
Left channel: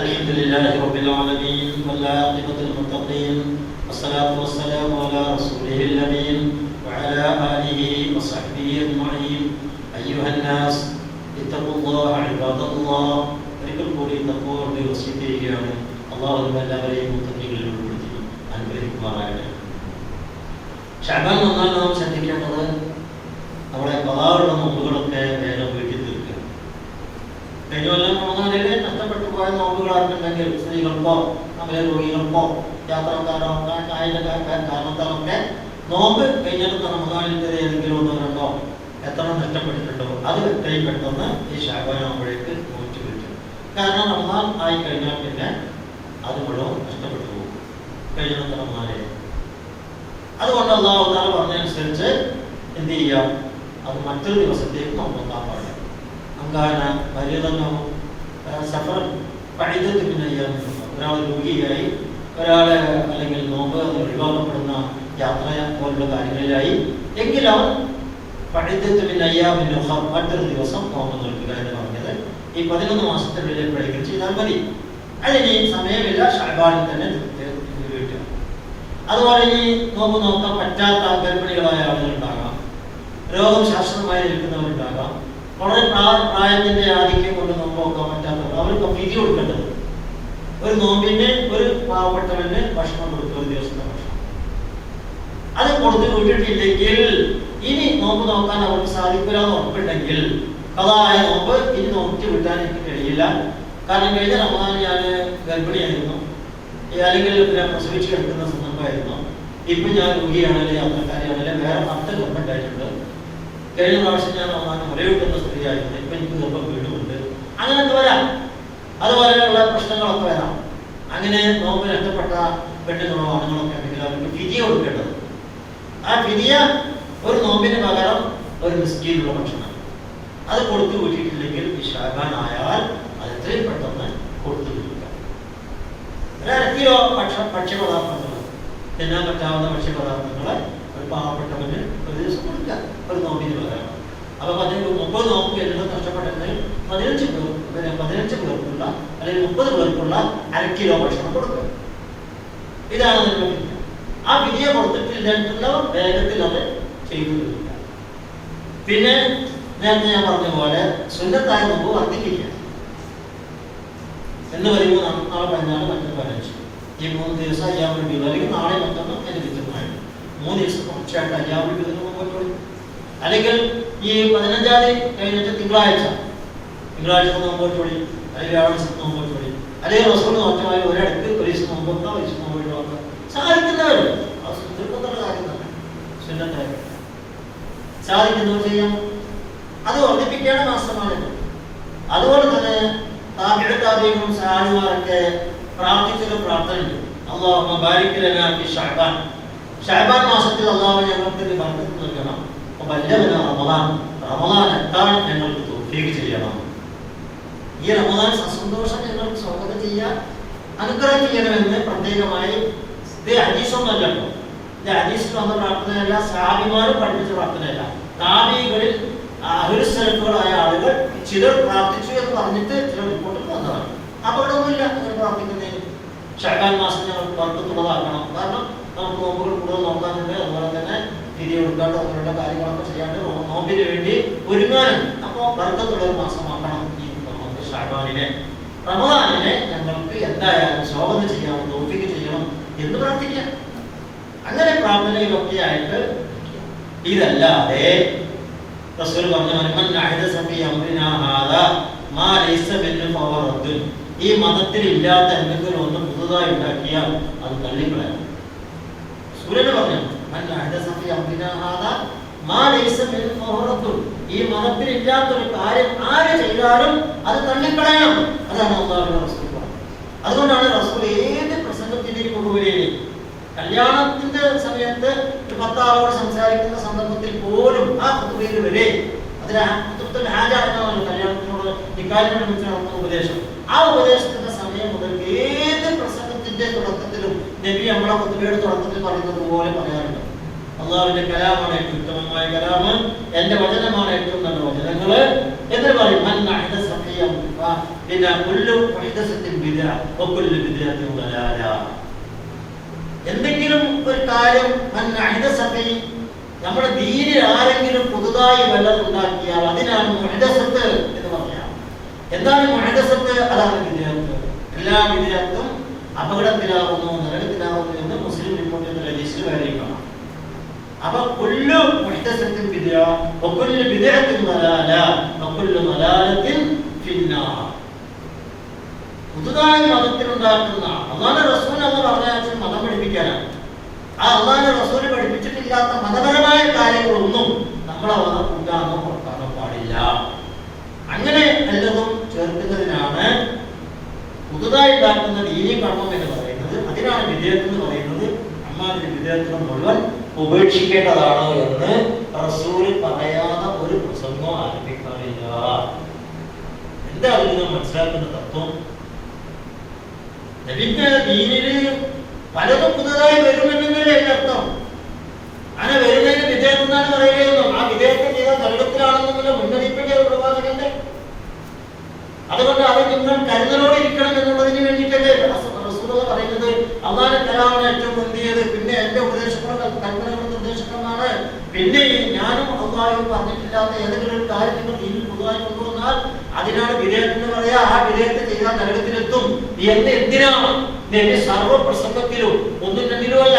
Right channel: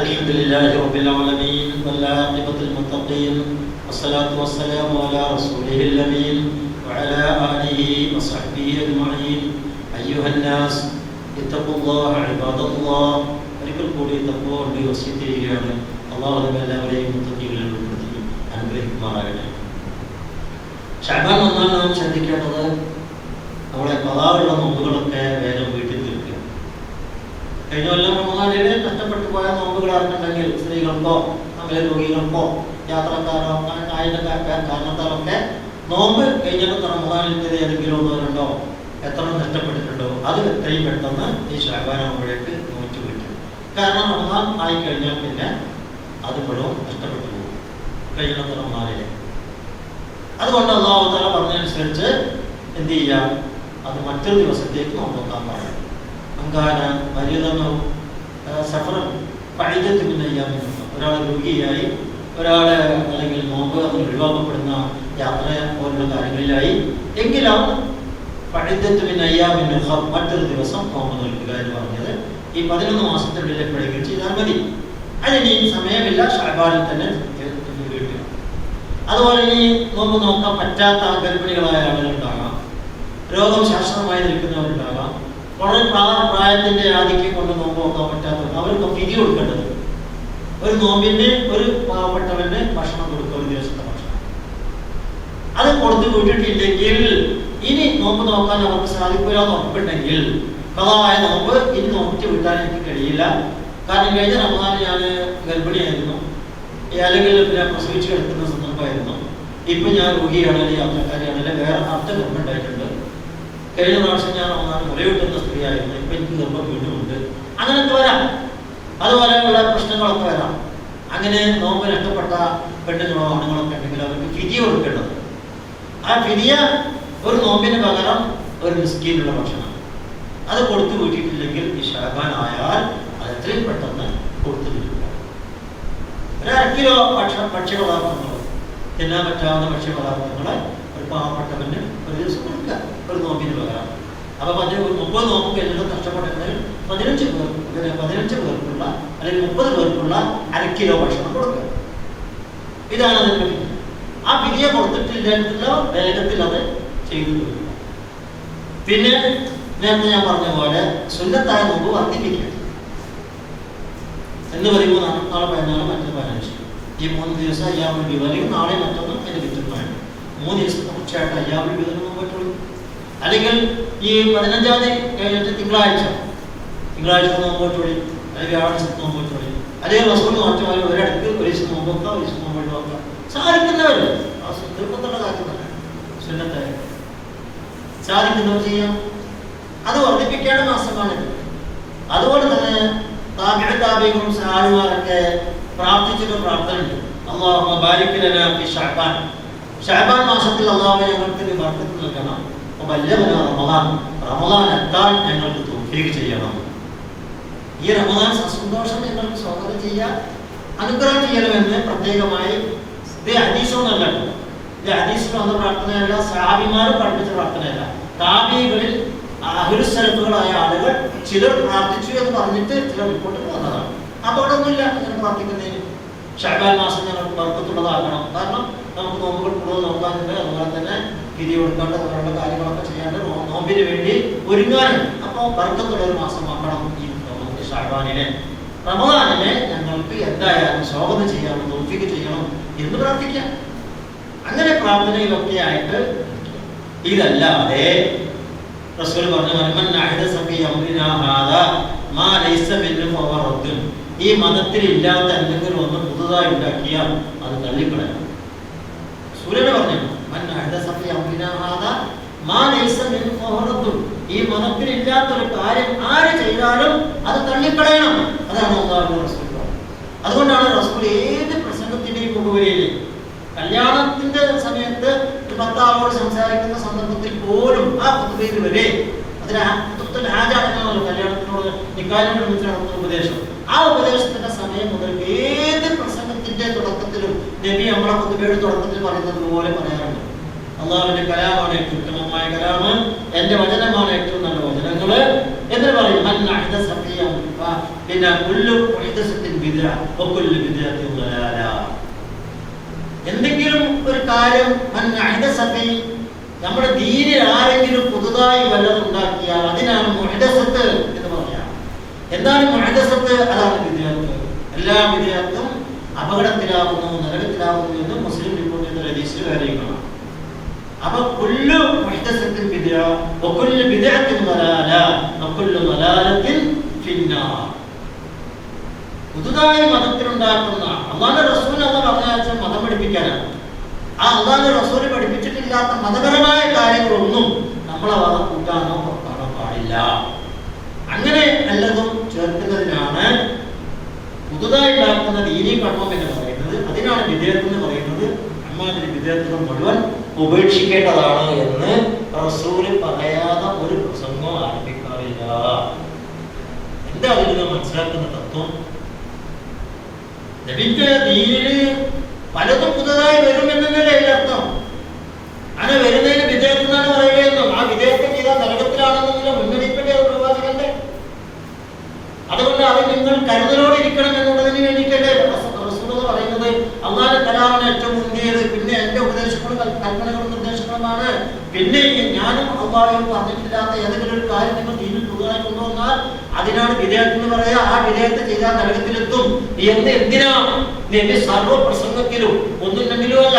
الحمد لله رب العالمين والعاقبة للمتقين والصلاة والسلام على رسوله الأمين وعلى آله وصحبه أجمعين. أيها الناس اتقوا الله عباد الله. ഒരിക്കൽ കൂടി തഖ്വയുടെ വസിയത്ത് ചെയ്യുകയാണ്. അല്ലാഹു നമ്മെല്ലാവരെയും മുത്തഖീകളിൽ ഉൾപ്പെടുത്തി അനുഗ്രഹിക്കുമാറാകട്ടെ. ശഅബാൻ വന്നാൽ നാം ശ്രദ്ധിക്കേണ്ടത് നമ്മുടെ ഖളാഉള്ള നോമ്പുകളൊക്കെ വേഗം വീട്ടിൽ തീർക്കുക. കഴിഞ്ഞ കൊല്ലം റമദാനിൽ നഷ്ടപ്പെട്ടു പോയ നോമ്പുകളാർക്കുണ്ടെങ്കിൽ സ്ത്രീകൾക്കോ അങ്ങനെ രോഗികൾക്കോ യാത്രക്കാരോ കാരണത്താലൊക്കെ നോമ്പ് കഴിഞ്ഞ റമദാനിൽ ഏതെങ്കിലും ഒന്നോ രണ്ടോ എത്ര നഷ്ടപ്പെട്ടിട്ടുണ്ടോ അത് എത്രയും പെട്ടെന്ന് ഈ ശഅബാൻ ആകുമ്പോഴേക്ക് നോറ്റ് കിട്ടും. കാരണം റമദാൻ ആയി കഴിഞ്ഞാൽ പിന്നെ അത് മുഴുവൻ നഷ്ടപ്പെട്ടു പോകും കഴിഞ്ഞ റമദാനിൽ. അതുകൊണ്ട് അല്ലാഹു തആല പറഞ്ഞതനുസരിച്ച് എന്ത് ചെയ്യാം, അത് മറ്റൊരു ദിവസത്തേക്ക് നോക്കാൻ പാടില്ല. അങ്കാന മരിയതമോ സഫറൻ പഴിതത്തിനായി ഒരാൾ രോഗിയായി, ഒരാളെ അല്ലെങ്കിൽ നോമ്പ് ഒഴിവാക്കപ്പെടുന്ന യാത്ര പോലുള്ള കാര്യങ്ങളിലായി എങ്കിലും പഴിതത്തിനയ്യാമിന് മറ്റൊരു ദിവസം നോമ്പ് നിൽക്കുക എന്ന് പറഞ്ഞത് ഈ 11 മാസത്തിനുള്ളിൽ എപ്പോഴെങ്കിലും ചെയ്താൽ മതി. അതിന് സമയമില്ല, ശഅബാനിൽ തന്നെ വീട്ടുക. അതുപോലെ ഇനി നോമ്പ് നോക്കാൻ പറ്റാത്ത ഗർഭിണികളായ ആളുകളുണ്ടാകാം, രോഗം ശാശ്വതമായി നിൽക്കുന്നവരുണ്ടാകാം, വളരെ പ്രായത്തിന്റെ ആധിക്യം കൊണ്ട് നോമ്പ് നോക്കാൻ പറ്റാത്തവർ, അവർക്ക് വിധി കൊടുക്കേണ്ടത് ഒരു നോമ്പിന് ഒരു പാവപ്പെട്ടവന് ഭക്ഷണം കൊടുക്കുക, ഒരു ദിവസത്തെ ഭക്ഷണം. അത് കൊടുത്ത് വിട്ടിട്ടില്ലെങ്കിൽ ഇനി നോമ്പ് നോക്കാൻ അവർക്ക് സാധിക്കില്ല എന്ന് ഉറപ്പുണ്ടെങ്കിൽ ഖളായ നോമ്പ് ഇനി നോക്കി വിട്ടാൻ എനിക്ക് കഴിയില്ല. കാരണം കഴിഞ്ഞ റമദാൻ ഞാൻ ഗർഭിണിയായിരുന്നു, അല്ലെങ്കിൽ പ്രസവിച്ച് കിടക്കുന്ന സന്ദർഭമായിരുന്നു. ഇപ്പൊ ഞാൻ രോഗിയാണല്ലേ, യാത്രക്കാരിയാണല്ലേ, വേറെ 10 ഗർഭമുണ്ടായിട്ടുണ്ട്. കഴിഞ്ഞ പ്രാവശ്യം ഞാൻ റമദാൻ മുലയൂട്ടുന്ന സ്ത്രീയായിരുന്നു, ഇപ്പൊ എനിക്ക് ഗർഭം വീടുമുണ്ട്. അങ്ങനെയൊക്കെ വരാം, അതുപോലെയുള്ള പ്രശ്നങ്ങളൊക്കെ വരാം. അങ്ങനെ നോമ്പ് നഷ്ടപ്പെട്ട പെണ്ണുങ്ങളോ ആണുങ്ങളൊക്കെ ഉണ്ടെങ്കിൽ അവർക്ക് ഫിദിയ കൊടുക്കേണ്ടത്. ആ ഫിദിയ ഒരു നോമ്പിന് പകരം ഒരു മിസ്കീനുള്ള ഭക്ഷണം അത് കൊടുത്തു വിട്ടിട്ടില്ലെങ്കിൽ ഈ ശഅബാൻ ആയാൽ അത് എത്രയും പെട്ടെന്ന് കൊടുത്തു വിടുക. ഒരു 1/2 കിലോ ഭക്ഷ്യപദാർത്ഥങ്ങൾ, തിന്നാൻ പറ്റാവുന്ന ഭക്ഷ്യപദാർത്ഥങ്ങളെ ഒരു പാവപ്പെട്ടവന് ഒരു ദിവസം കൊടുക്കുക, ഒരു നോമ്പിന് പകരം. അപ്പൊ 30 നോമ്പ് എല്ലാം നഷ്ടപ്പെട്ടെങ്കിൽ 15 പേർക്കുള്ള അല്ലെങ്കിൽ 30 പേർക്കുള്ള 1/2 കിലോ ഭക്ഷണം കൊടുക്കുക. ഇതാണ് അതിന്റെ വിധി. ആ വിധിയെ കൊടുത്തിട്ടില്ല വേഗത്തിൽ അത് ചെയ്തു തീർക്കുക. പിന്നെ നേരത്തെ ഞാൻ പറഞ്ഞ പോലെ സുന്നത്തായ നോമ്പ് വർദ്ധിപ്പിക്കുക എന്ന് പറയുമ്പോൾ നാളെ 14 മറ്റൊന്ന് 15 ഈ 3 ദിവസം അയ്യാമുൽ ബീദ്, അല്ലെങ്കിൽ നാളെ മറ്റൊന്നും അതിന് വിധമാണ് 3 ദിവസം തുടർച്ചയായിട്ട് അയ്യാമുൽ ബീദ് നോമ്പ്, അല്ലെങ്കിൽ ഈ 15-ാം തീയതി കഴിഞ്ഞിട്ട് തിങ്കളാഴ്ച നോമ്പ് വെച്ചോളി, അല്ലെങ്കിൽ വ്യാഴാഴ്ച നോമ്പ് വെച്ചോളി, അല്ലെങ്കിൽ റസൂൽ മാറ്റമായി ഒരിടത്ത് ഒരു ദിവസം നോമ്പ് വെക്കാം, ഒരു ദിവസം നോമ്പ് വെക്കാം. സാധിക്കുന്നവരല്ലേ, നിർബന്ധമുള്ള കാര്യം തന്നെ സുന്നത്തായി സാധിക്കുന്നവർ ചെയ്യാം. അത് വർദ്ധിപ്പിക്കേണ്ട മാസമാണിത്. അതുപോലെ തന്നെ താബിഈകളും സഹാബിമാരൊക്കെ പ്രാർത്ഥിച്ചൊരു പ്രാർത്ഥനയുണ്ട്, അല്ലാഹുമ്മ ബാരിക് ലനാ ഫി ശഅബാൻ. ശഅബാൻ മാസത്തിൽ അല്ലാഹു ഞങ്ങൾക്ക് ബർക്കത്ത് നൽകണം, വബല്ലഗനാ റമളാൻ എത്താൻ ഞങ്ങൾക്ക് തൗഫീഖ് ചെയ്യണം. ഈ റമളാൻ സന്തോഷം ഞങ്ങൾക്ക് സ്വാഗതം ചെയ്യാൻ അനുഗ്രഹം ചെയ്യണമെന്ന് പ്രത്യേകമായി ഇത് ഹദീസൊന്നുമല്ല, ഇത് ഹദീസിൽ വന്ന പ്രാർത്ഥനയല്ല, സഹാബിമാർ പഠിപ്പിച്ച പ്രാർത്ഥനയല്ല. താബിഈകളിൽ അഹ്ലുസ്സലഫുകളായ ആളുകൾ ചിലർ പ്രാർത്ഥിച്ചു എന്ന് പറഞ്ഞിട്ട് ചില റിപ്പോർട്ടുകൾ വന്നതാണ്. അപ്പോൾ ഒന്നുമില്ല അങ്ങനെ പ്രാർത്ഥിക്കുന്നതിന്. ശഅബാൻ മാസം ഞങ്ങൾക്ക് ബർക്കത്തുള്ളതാകണം, കാരണം നമുക്ക് നോമ്പുകൾ കൂടുതൽ നോക്കാനുണ്ട്, അതുപോലെ തന്നെ തിരി കൊടുക്കാണ്ട് അങ്ങനെയുള്ള കാര്യങ്ങളൊക്കെ ചെയ്യാണ്ട് നോമ്പിന് വേണ്ടി ഒരുങ്ങാനുണ്ട്. അപ്പോൾ ബർക്കത്തുള്ള ഒരു മാസമാക്കണം ഈ ശഅബാനിലെ. റമദാനിലെ ഞങ്ങൾക്ക് എന്തായാലും സ്വാഗതം ചെയ്യണം, തൗഫീഖ് ചെയ്യണം എന്ന് പ്രാർത്ഥിക്കാം. അങ്ങനെ പ്രാർത്ഥനയിലൊക്കെ ആയിട്ട് ഇതല്ലാതെ റസൂൽ പറഞ്ഞു, ഈ മതത്തിൽ ഇല്ലാത്ത എന്തെങ്കിലും ഒന്ന് പുതുതായി ഉണ്ടാക്കിയാൽ അത് തള്ളിക്കളയാം. സൂര്യനെ പറഞ്ഞു, ഈ മതത്തിലില്ലാത്തൊരു കാര്യം ആര് ചെയ്താലും അത് തള്ളിക്കളയണം. അതാണ് അല്ലാഹുവിന്റെ റസൂൽ. അതുകൊണ്ടാണ് റസൂൽ ഏത് പ്രസംഗത്തിന്റെയും മുഖവരിയിൽ കല്യാണത്തിന്റെ സമയത്ത് ഒരു 10 ആളോട് സംസാരിക്കുന്ന സന്ദർഭത്തിൽ പോലും ആ ഖുതുബയിൽ വരെ അതിന് ഖുതുബത്തുൽ ഹാജ എന്നാണ് കല്യാണത്തിനോട് നിക്കാഹിനോട് നടത്തുന്ന ഉപദേശം. ആ ഉപദേശത്തിന്റെ സമയം മുതൽ ഏത് പ്രസംഗത്തിന്റെ തുടക്കത്തിലും നബി നമ്മളെ ഖുതുബയുടെ തുടക്കത്തിൽ പറയുന്നത് പോലെ പറയാറുണ്ട്. അള്ളാഹുവിന്റെ കലാമാണ് ഏറ്റവും ഉത്തമമായ കലാമ്, എന്റെ വചനമാണ് ഏറ്റവും നല്ല വചനങ്ങള് എന്ന് പറയും. പിന്നെ എന്തെങ്കിലും ഒരു കാര്യം നമ്മുടെ ദീനിൽ ആരെങ്കിലും പുതുതായി വല്ലതും ഉണ്ടാക്കിയാൽ അതിനാണ് മുഹ്ദസത്ത് എന്ന് പറയാം. എന്താണ് മുഹ്ദസത്ത്? അതാണ് വിദ്യാർത്ഥി. എല്ലാ വിദ്യാർത്ഥും അപകടത്തിലാവുന്നു, നരകത്തിലാവുന്നു എന്ന് മുസ്ലിം റിപ്പോർട്ട് ചെയ്ത ഹദീസിൽ കാര്യങ്ങളാണ്. അപ്പൊ കുല്ലു മുഹ്ദസത്തിൻ ബിദ്അ വകുല്ലു ബിദ്അത്തിൻ ദലാല വകുല്ലു ദലാലത്തിൻ ഫിന്നാർ. പുതുതായി മതത്തിലുണ്ടാക്കുന്ന അല്ലാഹുവിന്റെ റസൂൽ അല്ലാഹു പറഞ്ഞ മതം പഠിപ്പിക്കാനാണ്. ആ അല്ലാഹുവിന്റെ റസൂൽ പഠിപ്പിച്ചിട്ടില്ലാത്ത മതപരമായ കാര്യങ്ങളൊന്നും നമ്മളെ കൂട്ടാനോ പുറത്താനോ പാടില്ല. അങ്ങനെ വല്ലതും ചേർക്കുന്നതിനാണ് പുതുതായി ഉണ്ടാക്കുന്ന ദീനീ കർമ്മം എന്ന് പറയുന്നത്. അതിനാണ് വിദേഹത്ത് എന്ന് പറയുന്നത്. അമ്മാതിരി വിദേഹത്തുകൾ മുഴുവൻ ഉപേക്ഷിക്കേണ്ടതാണ് എന്ന് റസൂല് പറയാതെ ഒരു പ്രസംഗം ആരംഭിക്കാറില്ല. എന്താ അതിൽ നിന്ന് മനസ്സിലാക്കുന്ന തത്വം? നബിന്റെ ദീനില് പലതും പുതുതായി വരുമെന്നല്ലേ അർത്ഥം. അങ്ങനെ വരുന്നതിന് വിദേഹത്ത് എന്നാണ് പറയുകയെന്നും ആ വിദേഹത്തെ ചെയ്ത നരകത്തിലാണെന്നുള്ള മുന്നറിയിപ്പിന്റെ ഒരു പ്രവാചകന്റെ. അതുകൊണ്ട് അത് നിങ്ങൾ കരുതലോടെ ഇരിക്കണം എന്നുള്ളതിന് വേണ്ടിയിട്ടല്ലേ റസൂൽ പറയുന്നത്. അല്ലാഹുവിന്റെ കലാമാണ് ഏറ്റവും മുന്തിയത്, പിന്നെ എന്റെ ഉപദേശങ്ങളും കൽപ്പനകളും നിർദ്ദേശങ്ങളുമാണ്. പിന്നെ ഞാനും അല്ലാഹുവും പറഞ്ഞിട്ടില്ലാത്ത ഏതെങ്കിലും ഒരു കാര്യം നിങ്ങൾ ദീനിൽ പുതുതായി കൊണ്ടുവന്നാൽ അതിനാണ് വിദേഹത്ത് എന്ന് പറയാ. ആ വിദേഹത്തെ ചെയ്താൽ നരകത്തിലെത്തും എന്ന് എന്തിനാണ് നബി സർവ്വ പ്രസംഗത്തിലും ഒന്നും രണ്ടിലും അല്ല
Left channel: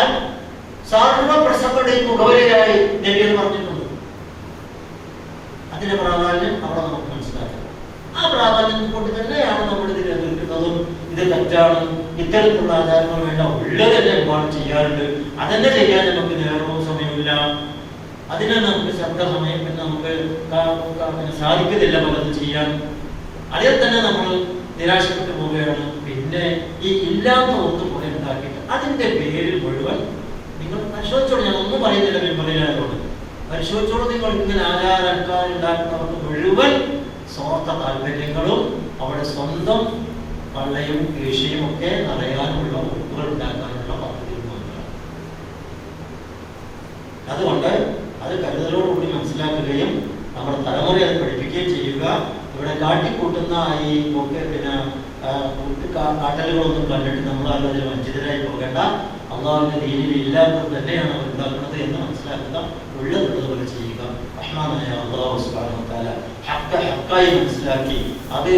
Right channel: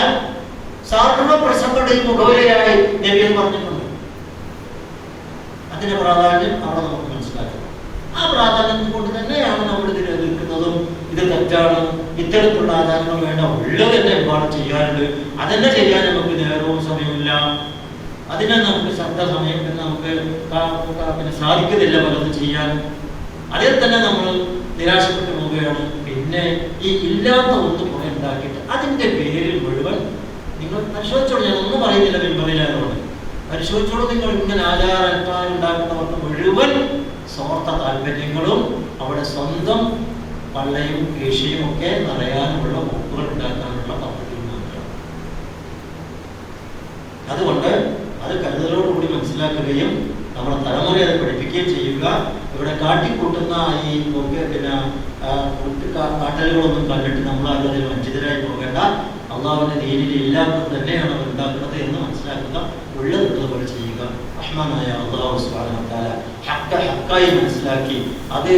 സർവ്വ പ്രസംഗങ്ങളുടെയും മുഖവരിയായി നബി എന്ന് പറഞ്ഞിട്ടുണ്ട്. അതിന്റെ പ്രാധാന്യം അവിടെ നമുക്ക് മനസ്സിലാക്കാം. ആ പ്രാധാന്യം കൊണ്ട് തന്നെയാണ് നമ്മൾ ഇതിനെ എതിർക്കുന്നതും ഇത് തെറ്റാണ്, ഇത്തരത്തിലുള്ള ആചാരങ്ങൾ വേണ്ട, ഉള്ളത് തന്നെ ഒരുപാട് ചെയ്യാറുണ്ട്. അതെന്നെ ചെയ്യാൻ നമുക്ക് നേരവും സമയമില്ല, അതിനെ നമുക്ക് ശ്രദ്ധ സമയം നമുക്ക് സാധിക്കുന്നില്ല പലതും ചെയ്യാൻ. അതിൽ തന്നെ നമ്മൾ നിരാശപ്പെട്ടു പോവുകയാണ്. പിന്നെ ഈ ഇല്ലാത്ത ഒന്നും കൂടെ ഉണ്ടാക്കിയിട്ട് അതിന്റെ പേരിൽ മുഴുവൻ നിങ്ങൾ പരിശോധിച്ചോളൂ. ഞാൻ ഒന്നും പറയുന്നില്ല, പിൻപറയില്ലാതുകൊണ്ട് പരിശോധിച്ചോളൂ. നിങ്ങൾ ഇങ്ങനെ ആചാരങ്ങൾ ഉണ്ടാക്കുന്നവർക്ക് മുഴുവൻ സ്വാർത്ഥ താല്പര്യങ്ങളും അവിടെ സ്വന്തം പള്ളയും കീഴ്ചയും ഒക്കെ നിറയാനുള്ള വകുപ്പുകൾ ഉണ്ടാക്കാനുള്ള പദ്ധതികൾ മാത്രമാണ്. അതുകൊണ്ട് അത് കരുതലോടുകൂടി മനസ്സിലാക്കുകയും നമ്മുടെ തലമുറയെ അത് പഠിപ്പിക്കുകയും ചെയ്യുക. ഇവിടെ കാട്ടിക്കൂട്ടുന്ന ഈ പിന്നെ കാട്ടലുകളൊന്നും കണ്ടിട്ട് നമ്മൾ അതിൽ വഞ്ചിതരായി പോകേണ്ട. അള്ളാഹുവിന്റെ ദീനിൽ ഇല്ലാത്തത് തന്നെയാണ് അവർ ഉണ്ടാക്കുന്നത് എന്ന് മനസ്സിലാക്കുക. ഉള്ളതുള്ളതുപോലെ ചെയ്യുക. റഹ്മാനായ അല്ലാഹു സുബ്ഹാനഹു വ തആല ഹഖ് ഹഖായി മനസ്സിലാക്കി അത്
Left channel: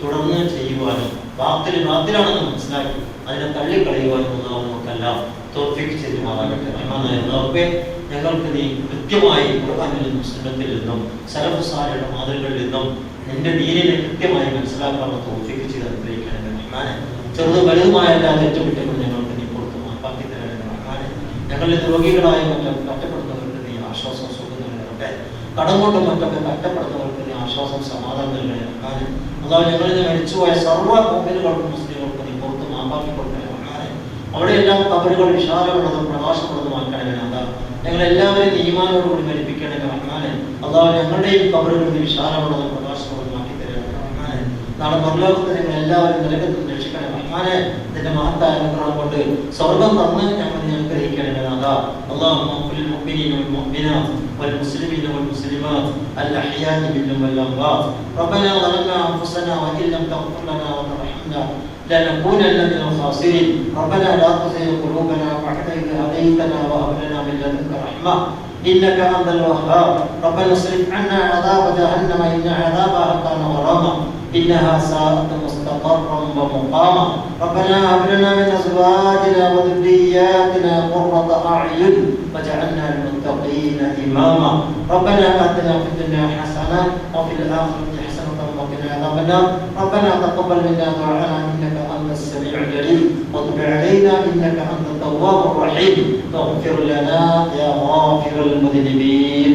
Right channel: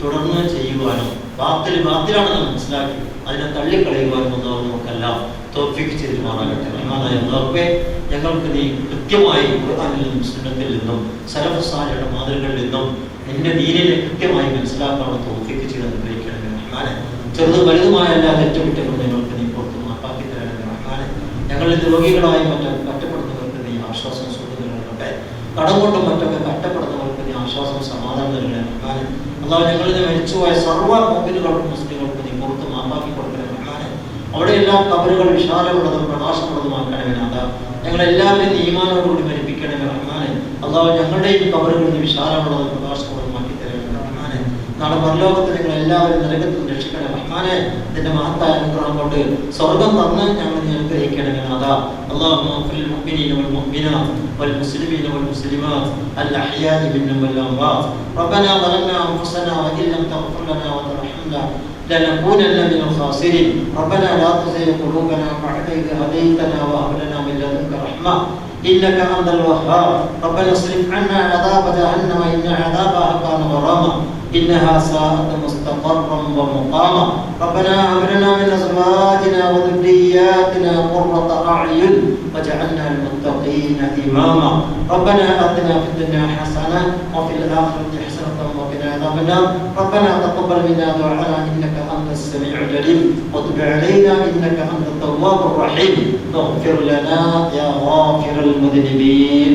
തുടർന്ന് ചെയ്യുവാനും ബാത്തിലാണെന്ന് മനസ്സിലാക്കി അതിനെ തള്ളിക്കളയുവാനും അല്ലാഹു നമുക്കെല്ലാം തൗഫീഖ് ചെയ്ത് മാറാകട്ടെ. റഹ്മാനായ അല്ലാഹുവേ, ഞങ്ങൾക്ക് നീ കൃത്യമായി ഖുർആനിൽ നിന്നും സുന്നത്തിൽ നിന്നും സലഫ് സാലിഹുകളുടെ മാതൃകകളിൽ നിന്നും എന്റെ ദീനിനെ കൃത്യമായി മനസ്സിലാക്കാനുള്ള തൗഫീഖ് ചെയ്ത് അനുഗ്രഹിക്കണമേ റഹ്മാനെ. ചെറുതും വലുതുമായ എല്ലാ തെറ്റുകുറ്റങ്ങളും ഞങ്ങൾക്ക് നീ പുറത്ത് മാപ്പാക്കി തരണമേ റഹ്മാനെ. ഞങ്ങളിൽ രോഗികളായ മറ്റൊക്കെ കഷ്ടപ്പെടുന്നവർക്ക് നീ ആശ്വാസം സുഖം നൽകട്ടെ. കടം കൊണ്ടും മറ്റൊക്കെ കഷ്ടപ്പെടുന്നവർക്ക് നീ ആശ്വാസം സമാധാനം നൽകണമേ റഹ്മാനെ. അല്ലാഹു ഞങ്ങളിൽ മരിച്ചുപോയ സർവ്വ മുഅ്മിനുകൾക്കും മുസ്ലിങ്ങൾക്കും നീ പുറത്ത് മാപ്പാക്കി കൊടുക്കണമേ റഹ്മാനെ. അവിടെയെല്ലാം ഖബറുകൾ വിശാലമുള്ളതും പ്രകാശമുള്ളതുമാക്കണമേ നാഥാ. ഞങ്ങളെല്ലാവരെയും ഈമാനോടുകൂടി മരിപ്പിക്കണമേ റഹ്മാനെ. അല്ലാഹു ഞങ്ങളുടെയും ഖബറുകൾ വിശാലമുള്ളതും പ്രകാശമുള്ളതുമാക്കി തരണമേ റഹ്മാനെ. നാളെ പരലോകത്ത് ഞങ്ങൾ എല്ലാവരും നരകത്തിൽ രക്ഷിക്കണമേ റഹ്മാനെ. നിന്റെ മഹത്തായ അനുഗ്രഹം കൊണ്ട് സ്വർഗ്ഗം തന്ന് ഞങ്ങൾ നീ അനുഗ്രഹിക്കണമേ നാഥാ. اللهم اغفر للمؤمنين والمؤمنات والمسلمين والمسلمات الأحياء منهم والأموات. ربنا ظلمنا أنفسنا وإن لم تغفر لنا وترحمنا لنكونن من الخاسرين. ربنا لا تزغ قلوبنا بعد إذ هديتنا وهب لنا من لدنك رحمة إنك أنت الوهاب. ربنا اصرف عنا عذاب جهنم إن عذابها كان غراما إنها ساءت مستقرا ومقاما. ربنا هب لنا من أزواجنا وذرياتنا قرة أعين واجعلنا للمتقين إماما. ربنا آتنا في الدنيا حسنة وفي الآخرة حسنة وقنا عذاب النار. ربنا تقبل منا دعاءنا إنك أنت السميع العليم وتب علينا إنك أنت التواب الرحيم. اغفر لنا يا غافر المذنبين.